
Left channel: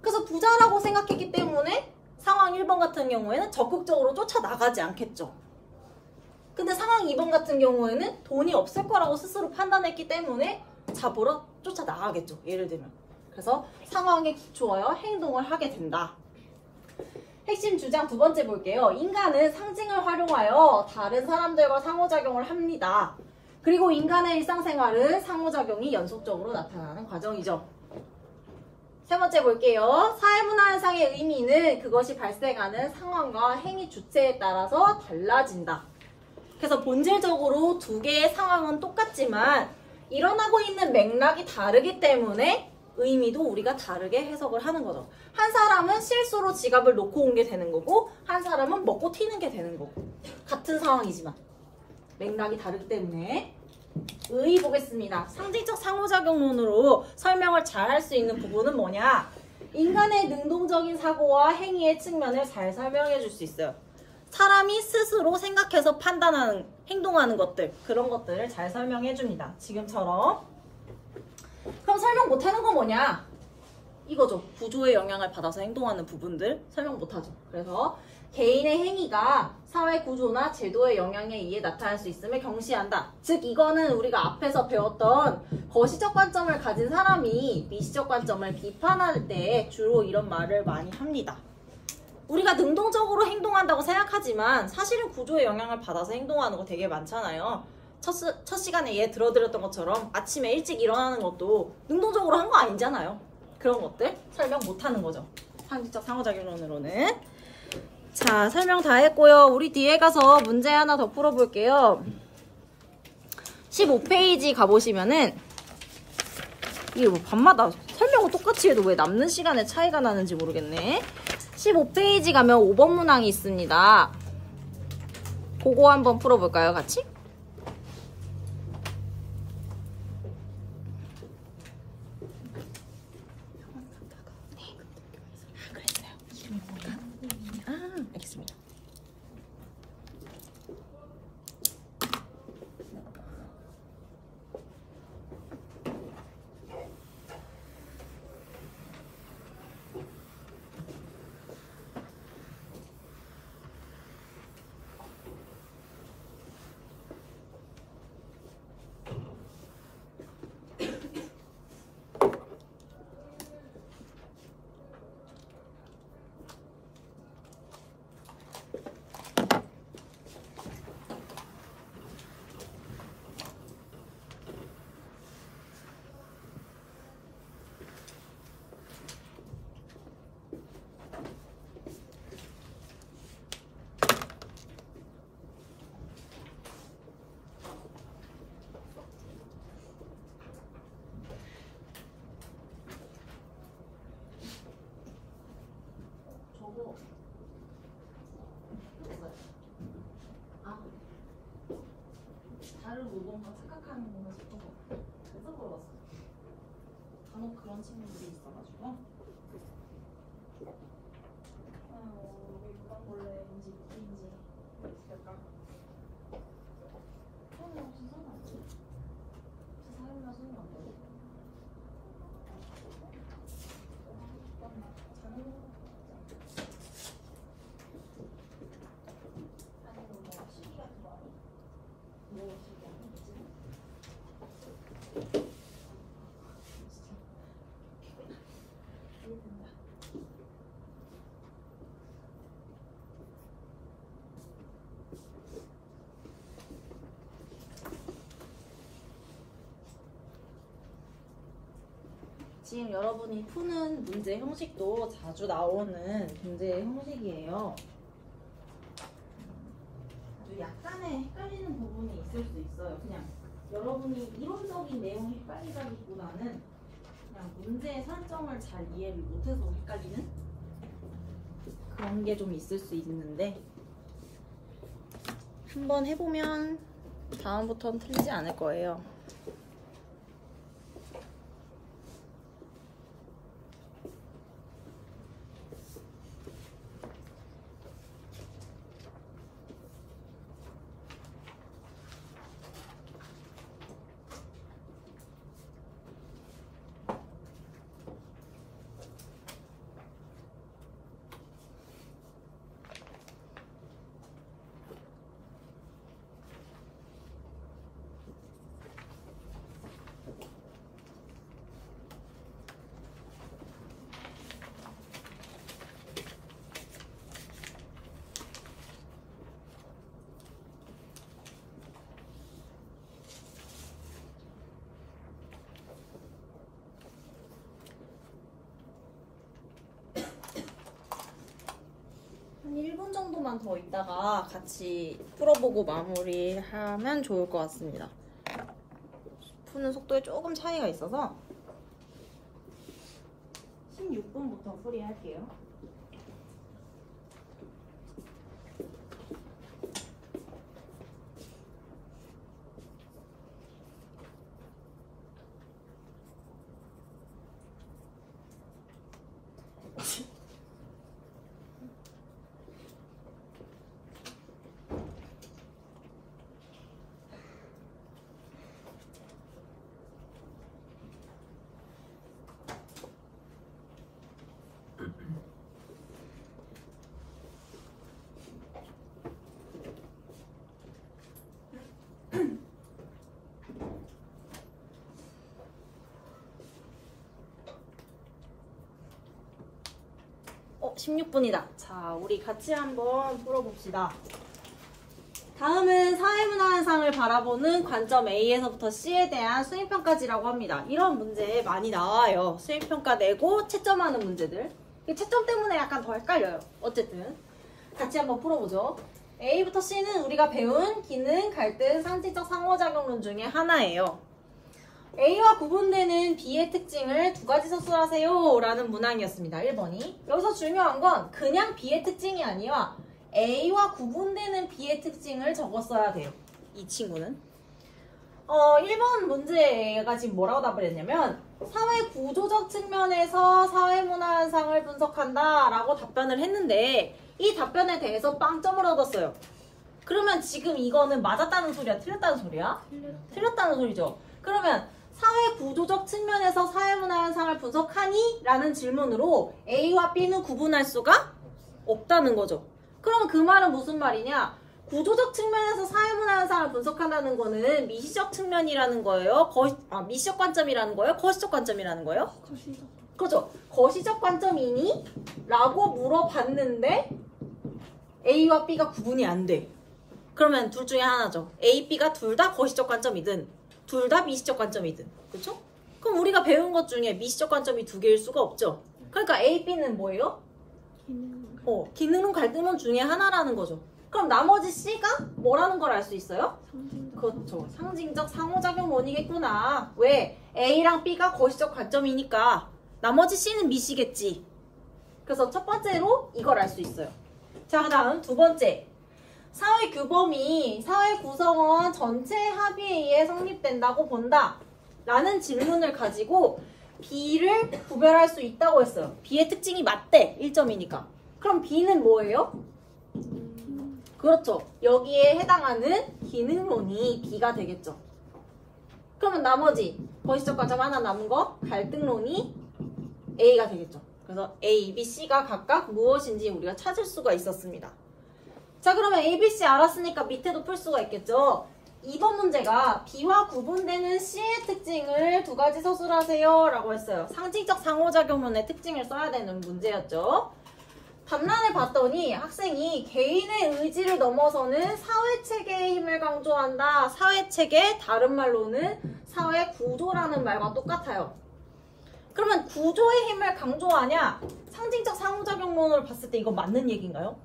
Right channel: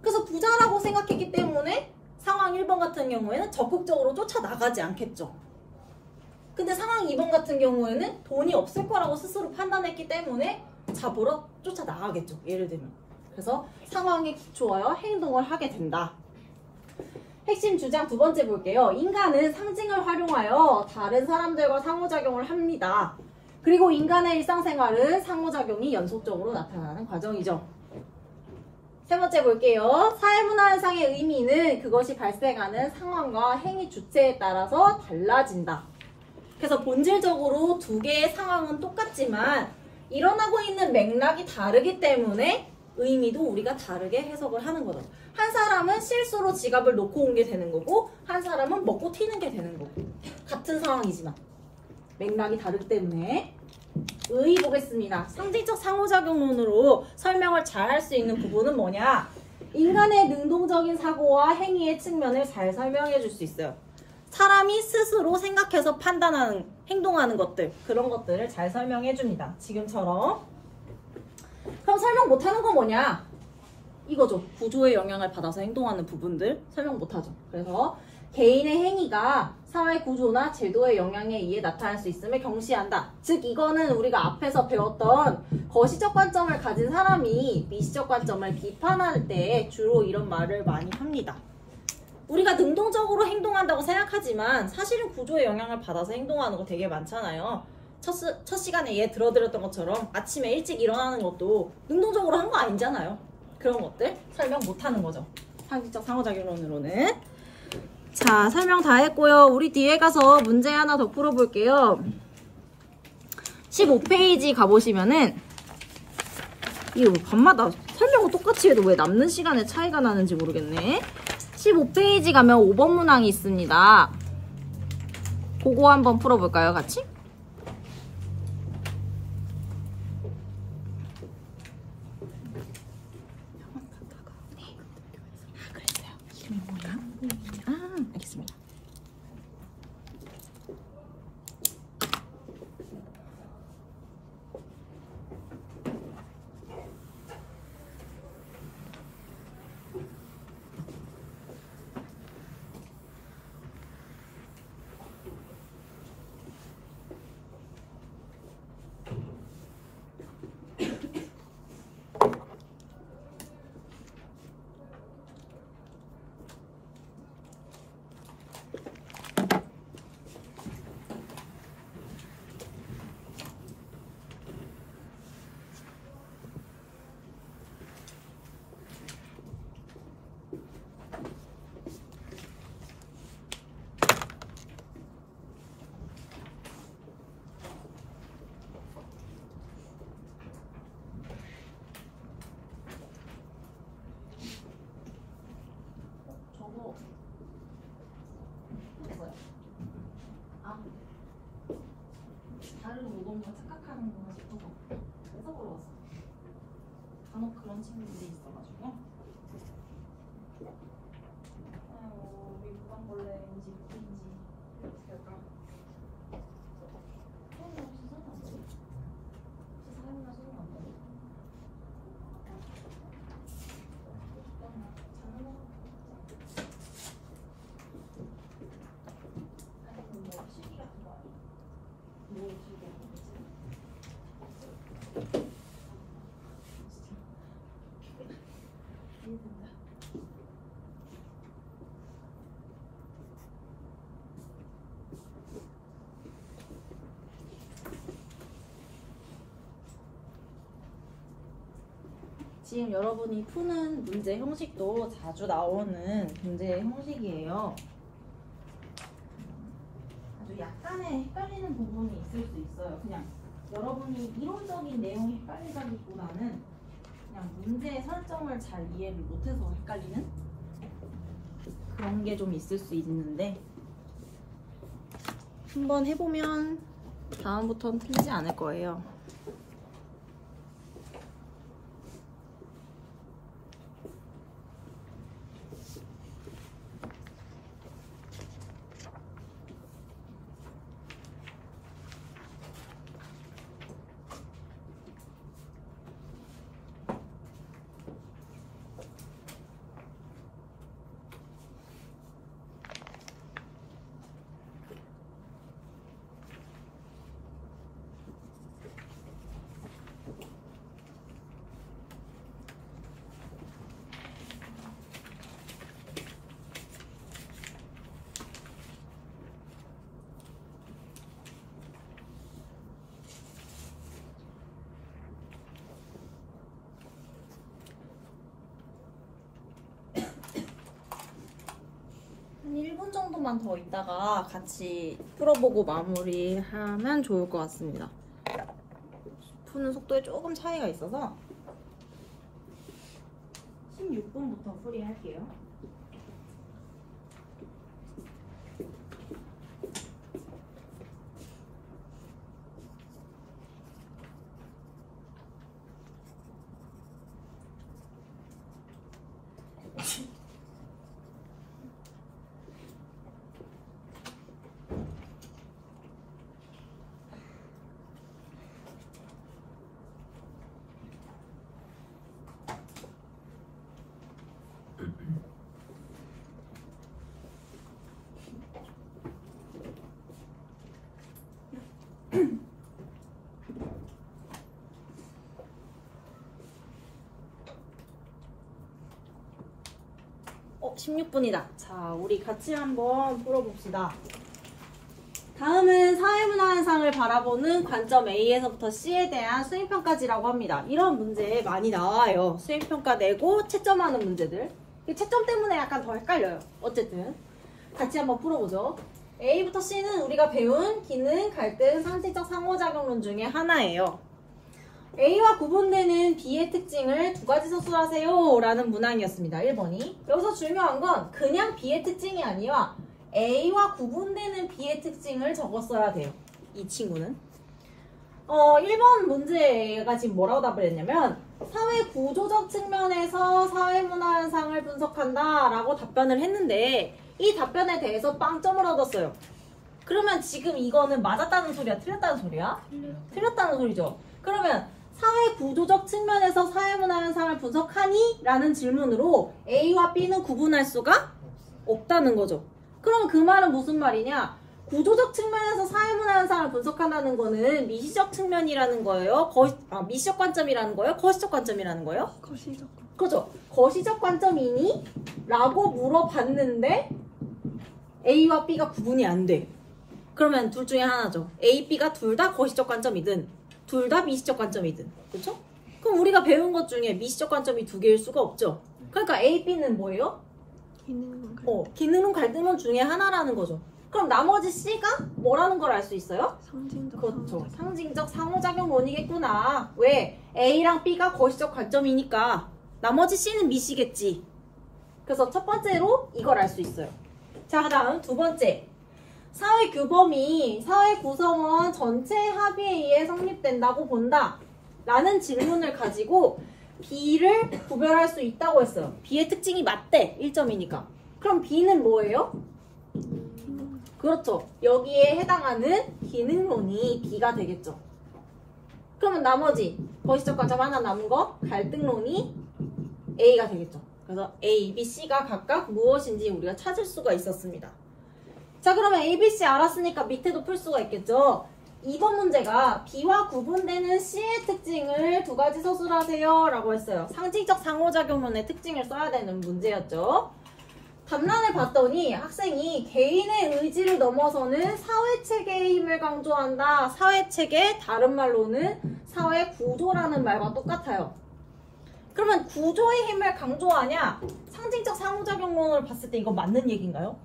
그래서 부자라고 생각했기 때문에 상황 1번 같은 경우에는 적극적으로 쫓아나가지 않겠죠. 근데 상황 2번 같은 경우에는 돈이 없을 거라고 스스로 판단했기 때문에 잡으러 쫓아나가겠죠. 예를 들면. 그래서 상황에 기초하여 행동을 하게 된다. 핵심 주장 두 번째 볼게요. 인간은 상징을 활용하여 다른 사람들과 상호작용을 합니다. 그리고 인간의 일상생활은 상호작용이 연속적으로 나타나는 과정이죠. 세 번째 볼게요. 사회문화 현상의 의미는 그것이 발생하는 상황과 행위 주체에 따라서 달라진다. 그래서 본질적으로 두 개의 상황은 똑같지만 일어나고 있는 맥락이 다르기 때문에 의미도 우리가 다르게 해석을 하는 거죠. 한 사람은 실수로 지갑을 놓고 온 게 되는 거고 한 사람은 먹고 튀는 게 되는 거고 같은 상황이지만 맥락이 다르기 때문에 의 보겠습니다. 상징적 상호작용론으로 설명을 잘 할 수 있는 부분은 뭐냐? 인간의 능동적인 사고와 행위의 측면을 잘 설명해 줄 수 있어요. 사람이 스스로 생각해서 판단하는, 행동하는 것들, 그런 것들을 잘 설명해 줍니다. 지금처럼. 그럼 설명 못하는 건 뭐냐? 이거죠. 구조의 영향을 받아서 행동하는 부분들 설명 못하죠. 그래서 개인의 행위가 사회 구조나 제도의 영향에 의해 나타날 수 있음을 경시한다. 즉 이거는 우리가 앞에서 배웠던 거시적 관점을 가진 사람이 미시적 관점을 비판할 때 주로 이런 말을 많이 합니다. 우리가 능동적으로 행동한다고 생각하지만 사실은 구조의 영향을 받아서 행동하는 거 되게 많잖아요. 첫 시간에 얘 들어드렸던 것처럼 아침에 일찍 일어나는 것도 능동적으로 한 거 아니잖아요. 그런 것들 설명 못하는 거죠. 상징적 상호작용론으로는. 자, 설명 다 했고요. 우리 뒤에 가서 문제 하나 더 풀어볼게요. 15페이지 가보시면은 이게 뭐 밤마다 설명을 똑같이 해도 왜 남는 시간에 차이가 나는지 모르겠네. 15페이지 가면 5번 문항이 있습니다. 그거 한번 풀어볼까요, 같이? 알겠습니다. 저거 뭐야? 다른 노동과 착각하는구나 싶어서 그래서 물어봤어. 간혹 그런 친구들이 있어가지고. 우리 무당벌레인지 무슨지 있을까? 손이 없이 사면 안 돼. 혹시 사용이나 손이 안 돼? 잘못 먹었어. 지금 여러분이 푸는 문제 형식도 자주 나오는 문제 형식이에요. 아주 약간의 헷갈리는 부분이 있을 수 있어요. 그냥 여러분이 이론적인 내용이 헷갈리다기보다는 그냥 문제의 설정을 잘 이해를 못해서 헷갈리는 그런 게 좀 있을 수 있는데 한번 해보면 다음부터는 틀리지 않을 거예요. 한 1분 정도만 더 있다가 같이 풀어보고 마무리하면 좋을 것 같습니다. 푸는 속도에 조금 차이가 있어서 16분부터 풀이할게요. 어, 16분이다. 자, 우리 같이 한번 풀어봅시다. 다음은 사회문화현상을 바라보는 관점 A에서부터 C에 대한 수행평가지라고 합니다. 이런 문제 많이 나와요. 수행평가 내고 채점하는 문제들. 채점 때문에 약간 더 헷갈려요. 어쨌든 같이 한번 풀어보죠. A부터 C는 우리가 배운 기능, 갈등, 상징적 상호작용론 중에 하나예요. A와 구분되는 B의 특징을 두 가지 서술하세요 라는 문항이었습니다. 1번이. 여기서 중요한 건 그냥 B의 특징이 아니라 A와 구분되는 B의 특징을 적었어야 돼요. 이 친구는. 1번 문제가 지금 뭐라고 답을 했냐면 사회 구조적 측면에서 사회문화 현상을 분석한다 라고 답변을 했는데 이 답변에 대해서 빵점을 얻었어요. 그러면 지금 이거는 맞았다는 소리야? 틀렸다는 소리야? 틀렸다는 소리죠. 그러면 사회 구조적 측면에서 사회문화 현상을 분석하니? 라는 질문으로 A와 B는 구분할 수가 없다는 거죠. 그럼 그 말은 무슨 말이냐? 구조적 측면에서 사회문화 현상을 분석한다는 거는 미시적 측면이라는 거예요. 미시적 관점이라는 거예요? 거시적 관점이라는 거예요? 거시적. 그렇죠. 거시적 관점이니? 라고 물어봤는데 A와 B가 구분이 안 돼. 그러면 둘 중에 하나죠. A, B가 둘 다 거시적 관점이든 둘 다 미시적 관점이든. 그렇죠? 그럼 우리가 배운 것 중에 미시적 관점이 두 개일 수가 없죠. 그러니까 A, B는 뭐예요? 기능론 갈등론 중에 하나라는 거죠. 그럼 나머지 C가 뭐라는 걸 알 수 있어요? 상징적. 그렇죠. 상징적 상호작용론이겠구나. 왜? A랑 B가 거시적 관점이니까 나머지 C는 미시겠지. 그래서 첫 번째로 이걸 알 수 있어요. 자, 다음 두 번째. 사회 규범이 사회 구성원 전체 합의에 의해 성립된다고 본다. 라는 질문을 가지고 B를 구별할 수 있다고 했어요. B의 특징이 맞대. 1점이니까. 그럼 B는 뭐예요? 그렇죠. 여기에 해당하는 기능론이 B가 되겠죠. 그러면 나머지 거시적 관점 하나 남은 거 갈등론이 A가 되겠죠. 그래서 A, B, C가 각각 무엇인지 우리가 찾을 수가 있었습니다. 자, 그러면 A, B, C 알았으니까 밑에도 풀 수가 있겠죠. 2번 문제가 B와 구분되는 C의 특징을 두 가지 서술하세요 라고 했어요. 상징적 상호작용론의 특징을 써야 되는 문제였죠. 답란을 봤더니 학생이 개인의 의지를 넘어서는 사회체계의 힘을 강조한다. 사회체계, 다른 말로는 사회구조라는 말과 똑같아요. 그러면 구조의 힘을 강조하냐? 상징적 상호작용론으로 봤을 때 이거 맞는 얘기인가요?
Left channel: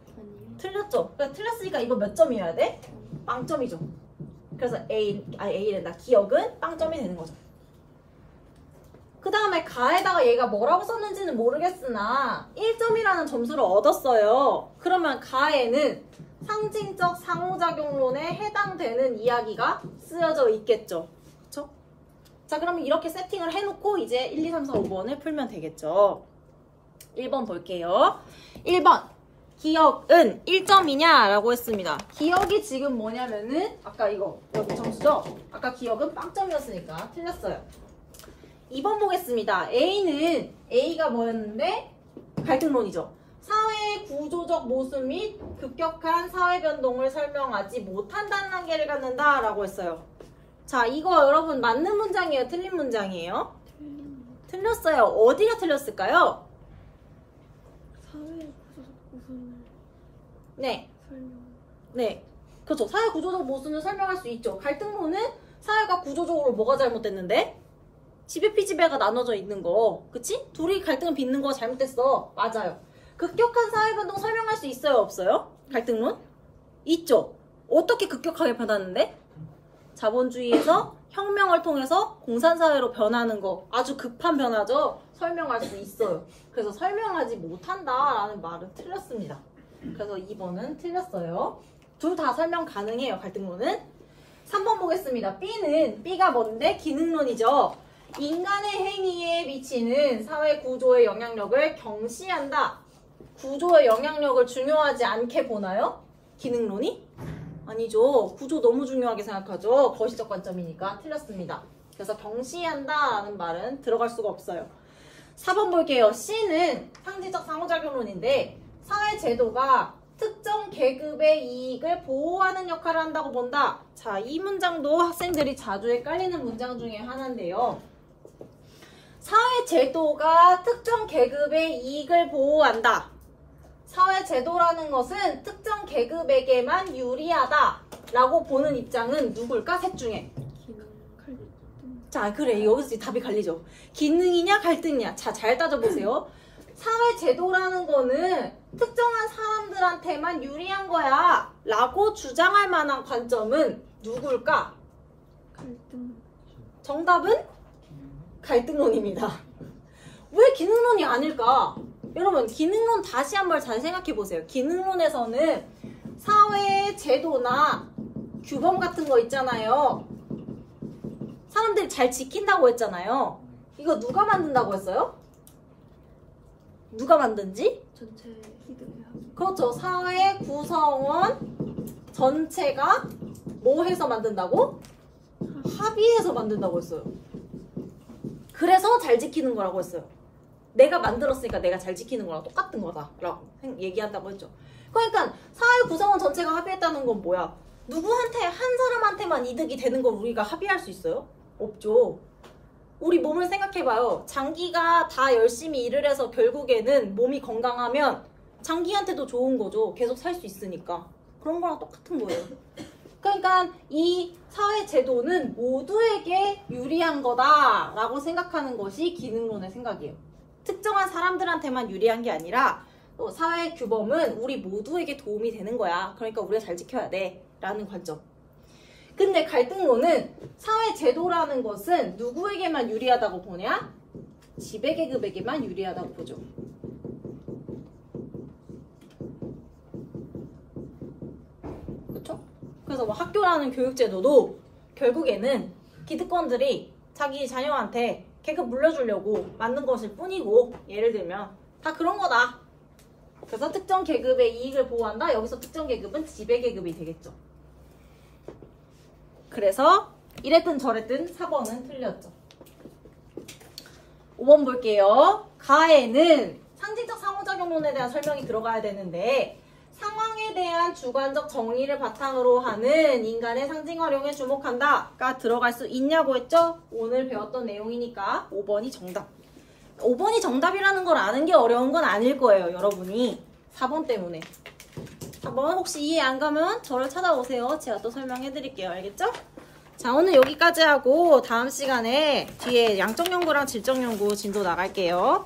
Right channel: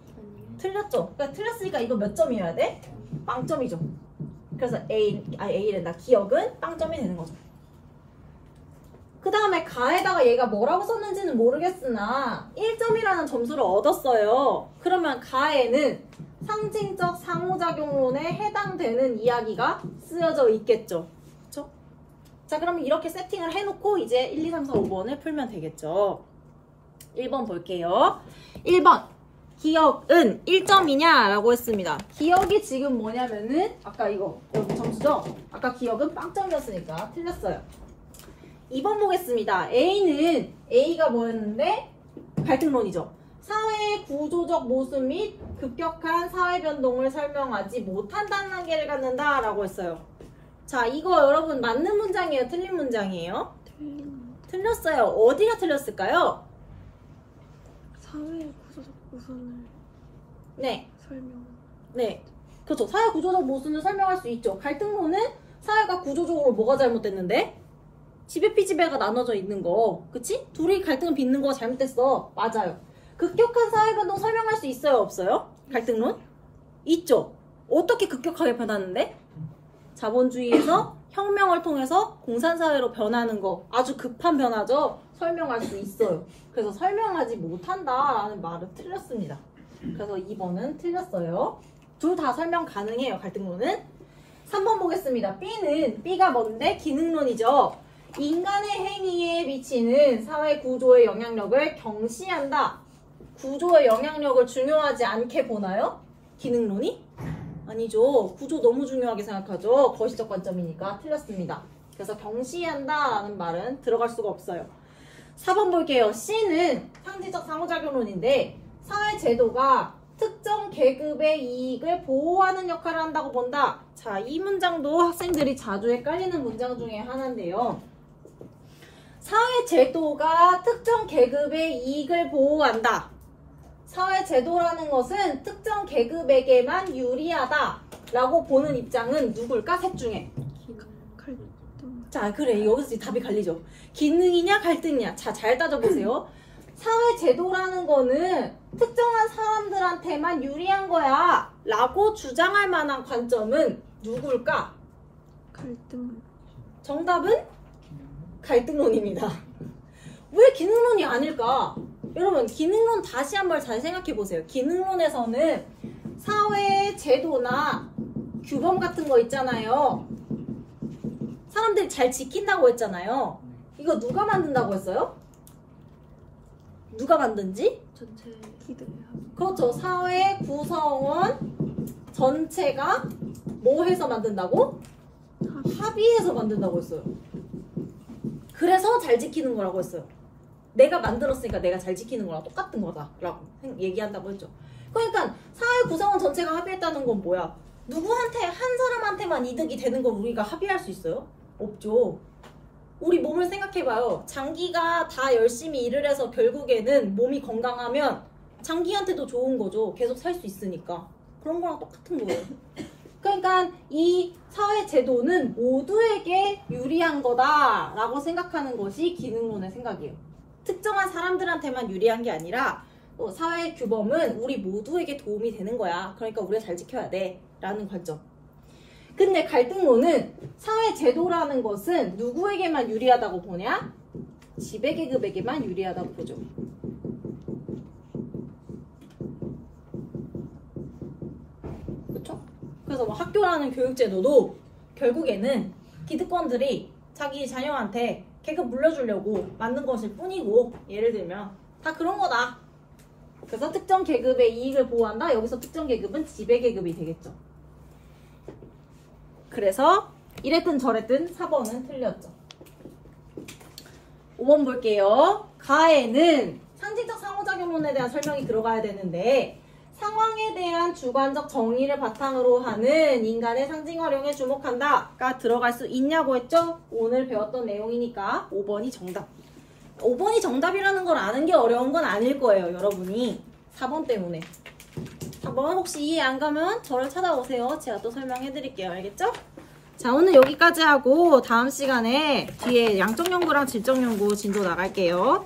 틀렸죠? 그러니까 틀렸으니까 이거 몇 점이어야 돼? 빵점이죠. 그래서 A랜다. 기억은 빵점이 되는 거죠. 그 다음에 가에다가 얘가 뭐라고 썼는지는 모르겠으나 1점이라는 점수를 얻었어요. 그러면 가에는 상징적 상호작용론에 해당되는 이야기가 쓰여져 있겠죠. 그렇죠? 자, 그러면 이렇게 세팅을 해놓고 이제 1, 2, 3, 4, 5번을 풀면 되겠죠. 1번 볼게요. 1번. 기억은 1점이냐? 라고 했습니다. 기억이 지금 뭐냐면은 아까 이거 여기 점수죠? 아까 기억은 빵점이었으니까 틀렸어요. 2번 보겠습니다. A가 뭐였는데? 갈등론이죠. 사회의 구조적 모습 및 급격한 사회 변동을 설명하지 못한다는 한계를 갖는다 라고 했어요. 자, 이거 여러분 맞는 문장이에요? 틀린 문장이에요? 틀렸어요. 어디가 틀렸을까요? 사회의 구조적 모순을 네. 설명. 네. 그렇죠. 사회 구조적 모순을 설명할 수 있죠. 갈등론은 사회가 구조적으로 뭐가 잘못됐는데? 지배피지배가 나눠져 있는 거. 그치? 둘이 갈등을 빚는 거 잘못됐어. 맞아요. 급격한 사회변동 설명할 수 있어요? 없어요? 갈등론? 있죠. 어떻게 급격하게 변하는데? 자본주의에서 혁명을 통해서 공산사회로 변하는 거. 아주 급한 변화죠? 설명할 수 있어요. 그래서 설명하지 못한다라는 말은 틀렸습니다. 그래서 2번은 틀렸어요. 둘 다 설명 가능해요. 갈등론은. 3번 보겠습니다. B가 뭔데? 기능론이죠. 인간의 행위에 미치는 사회 구조의 영향력을 경시한다. 구조의 영향력을 중요하지 않게 보나요? 기능론이? 아니죠. 구조 너무 중요하게 생각하죠. 거시적 관점이니까 틀렸습니다. 그래서 경시한다 라는 말은 들어갈 수가 없어요. 4번 볼게요. C는 상징적 상호작용론인데 사회 제도가 특정 계급의 이익을 보호하는 역할을 한다고 본다. 자, 이 문장도 학생들이 자주 헷갈리는 문장 중에 하나인데요. 사회 제도가 특정 계급의 이익을 보호한다. 사회 제도라는 것은 특정 계급에게만 유리하다 라고 보는 입장은 누굴까? 셋 중에. 갈등. 자, 그래. 여기서 답이 갈리죠. 기능이냐 갈등이냐. 자, 잘 따져보세요. 사회 제도라는 거는 특정한 사람들한테만 유리한 거야 라고 주장할 만한 관점은 누굴까? 갈등. 정답은 갈등론입니다. 왜 기능론이 아닐까? 여러분, 기능론 다시 한번 잘 생각해 보세요. 기능론에서는 사회의 제도나 규범 같은 거 있잖아요. 사람들이 잘 지킨다고 했잖아요. 이거 누가 만든다고 했어요? 누가 만든지? 전체 기도를 하고. 그렇죠. 사회 구성원 전체가 뭐 해서 만든다고? 합의해서 만든다고 했어요. 그래서 잘 지키는 거라고 했어요. 내가 만들었으니까 내가 잘 지키는 거랑 똑같은 거다라고 얘기한다고 했죠. 그러니까 사회 구성원 전체가 합의했다는 건 뭐야? 누구한테, 한 사람한테만 이득이 되는 걸 우리가 합의할 수 있어요? 없죠. 우리 몸을 생각해봐요. 장기가 다 열심히 일을 해서 결국에는 몸이 건강하면 장기한테도 좋은 거죠. 계속 살 수 있으니까. 그런 거랑 똑같은 거예요. 그러니까 이 사회 제도는 모두에게 유리한 거다라고 생각하는 것이 기능론의 생각이에요. 특정한 사람들한테만 유리한 게 아니라 또 사회 규범은 우리 모두에게 도움이 되는 거야. 그러니까 우리가 잘 지켜야 돼 라는 관점. 근데 갈등론은 사회 제도라는 것은 누구에게만 유리하다고 보냐? 지배계급에게만 유리하다고 보죠. 그쵸? 그래서 뭐 학교라는 교육제도도 결국에는 기득권들이 자기 자녀한테 계급 물려주려고 만든 것일 뿐이고, 예를 들면 다 그런 거다. 그래서 특정 계급의 이익을 보호한다. 여기서 특정 계급은 지배계급이 되겠죠. 그래서 이랬든 저랬든 4번은 틀렸죠. 5번 볼게요. 가에는 상징적 상호작용론에 대한 설명이 들어가야 되는데, 상황에 대한 주관적 정의를 바탕으로 하는 인간의 상징 활용에 주목한다가 들어갈 수 있냐고 했죠? 오늘 배웠던 내용이니까 5번이 정답. 5번이 정답이라는 걸 아는 게 어려운 건 아닐 거예요, 여러분이. 4번 때문에. 4번 혹시 이해 안 가면 저를 찾아오세요. 제가 또 설명해 드릴게요. 알겠죠? 자, 오늘 여기까지 하고 다음 시간에 뒤에 양적 연구랑 질적 연구 진도 나갈게요.